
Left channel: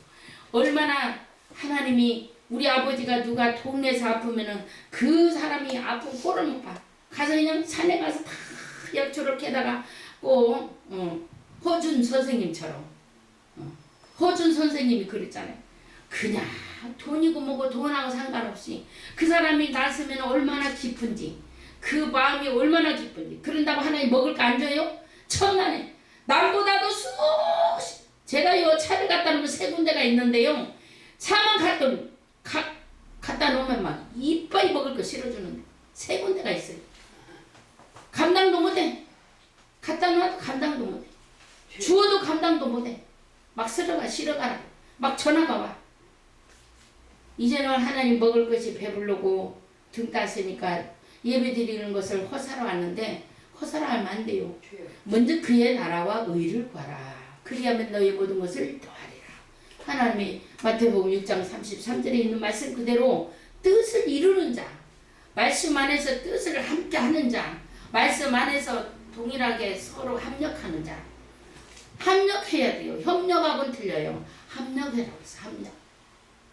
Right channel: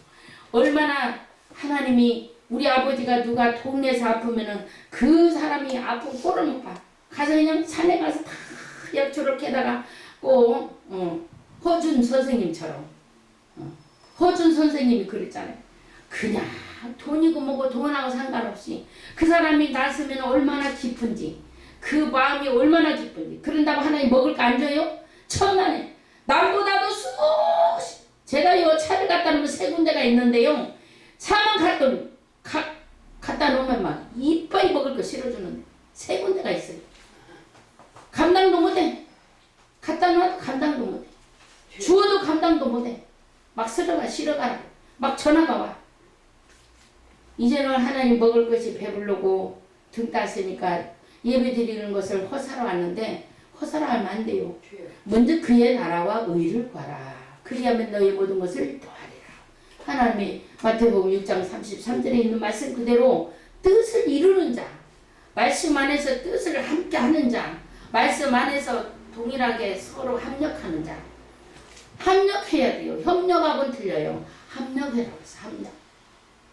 얼마나 하나님이, 우리 아버지가 누가 동네에서 아프면은 그 사람이 아픈 꼴을 못 봐. 가서 그냥 산에 가서 다 약초를 캐다가 꼭 허준 선생님처럼, 허준 선생님이 그랬잖아요. 그냥 돈이고 뭐고 돈하고 상관없이 그 사람이 났으면 얼마나 기쁜지, 그 마음이 얼마나 기쁜지. 그런다고 하나님 먹을 거 안 줘요? 천만에. 남보다도 수없이, 제가 요 차를 갖다 놓으면 세 군데가 있는데요, 차만 갖다 놓으면 막 이빠이 먹을 거 실어주는데 세 군데가 있어요. 감당도 못해. 갖다 놔도 감당도 못해. 주어도 감당도 못해. 막 실어가라. 막 전화가 와. 이제는 하나님 먹을 것이 배부르고 등 따스니까 예배 드리는 것을 허사로 왔는데, 허사로 하면 안 돼요. 먼저 그의 나라와 의를 구하라. 그리하면 너희 모든 것을 더하리라. 하나님이 마태복음 6장 33절에 있는 말씀 그대로 뜻을 이루는 자, 말씀 안에서 뜻을 함께 하는 자, 말씀 안에서 동일하게 서로 합력하는 자. 합력해야 돼요. 협력하고는 틀려요. 합력해라고 해서 합력.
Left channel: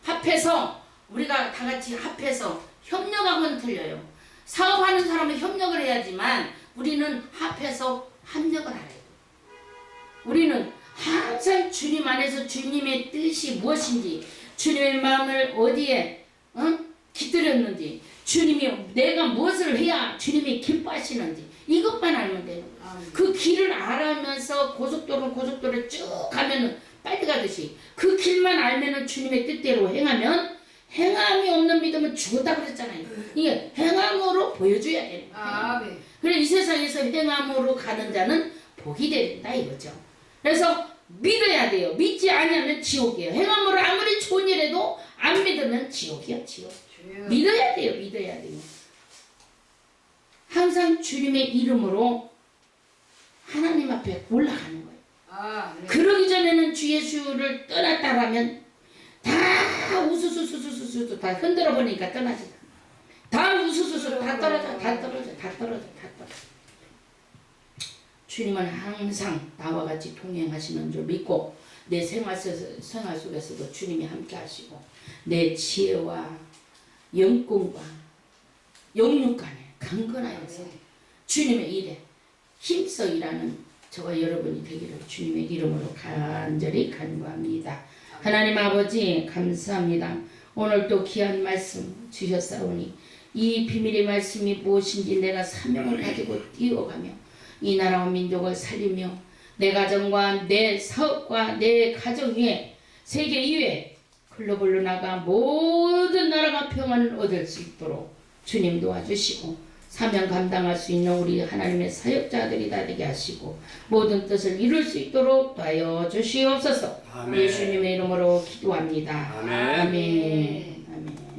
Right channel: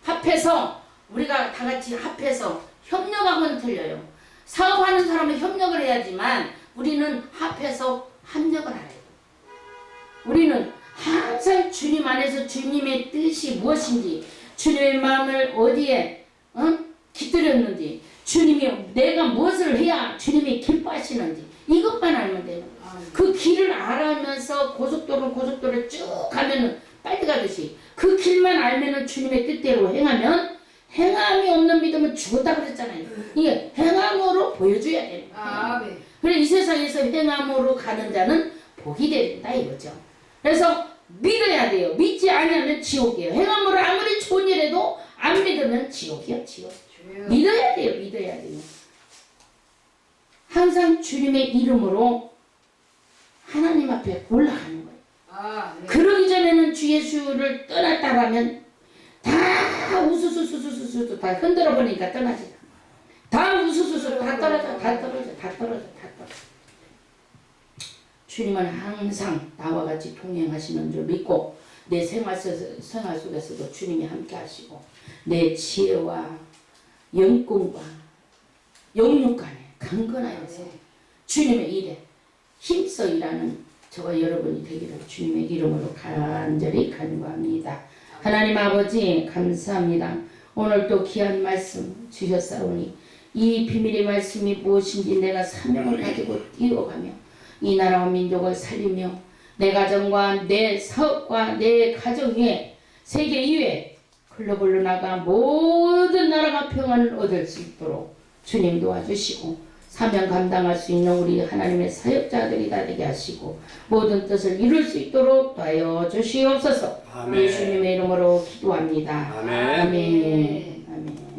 합해서, 우리가 다 같이 합해서 협력하고는 틀려요. 사업하는 사람은 협력을 해야지만 우리는 합해서 합력을 알아요. 우리는 항상 주님 안에서 주님의 뜻이 무엇인지, 주님의 마음을 어디에 깃들였는지, 주님이 내가 무엇을 해야 주님이 기뻐하시는지 이것만 알면 돼요. 그 길을 알아면서 고속도로 쭉 가면은 빨리 가듯이 그 길만 알면은 주님의 뜻대로 행하면, 행함이 없는 믿음은 죽었다 그랬잖아요. 이게 행함으로 보여줘야 되는 거예요. 네. 그래 이 세상에서 행함으로 가는 자는 복이 된다 이거죠. 그래서 믿어야 돼요. 믿지 않으면 지옥이에요. 행함으로 아무리 좋은 일 해도 안 믿으면 지옥이요, 지옥. 믿어야 돼요. 믿어야 돼요. 항상 주님의 이름으로 하나님 앞에 올라가는 거예요. 네. 그러기 전에는 주 예수를 떠났다라면 다 우수수수수수 다 흔들어 버리니까 떠나지. 다 우수수수 다 떨어져. 주님은 항상 나와 같이 동행하시는 줄 믿고, 내 생활 속에서도 주님이 함께 하시고, 내 지혜와 영권과 영육 간에 강건하여서 주님의 일에 힘써 일하는 저와 여러분이 되기를 주님의 이름으로 간절히 간구합니다. 하나님 아버지 감사합니다. 오늘 또 귀한 말씀 주셨사오니 이 비밀의 말씀이 무엇인지 내가 사명을 가지고 뛰어가며 이 나라와 민족을 살리며 내 가정과 내 사업과 내 가정 위에 세계 이외에 글로벌로 나가 모든 나라가 평안을 얻을 수 있도록 주님 도와주시고, 사명 감당할 수 있는 우리 하나님의 사역자들이 다 되게 하시고 모든 뜻을 이룰 수 있도록 도와여 주시옵소서. 예수님의 이름으로 기도합니다. 아멘. 아멘. 아멘.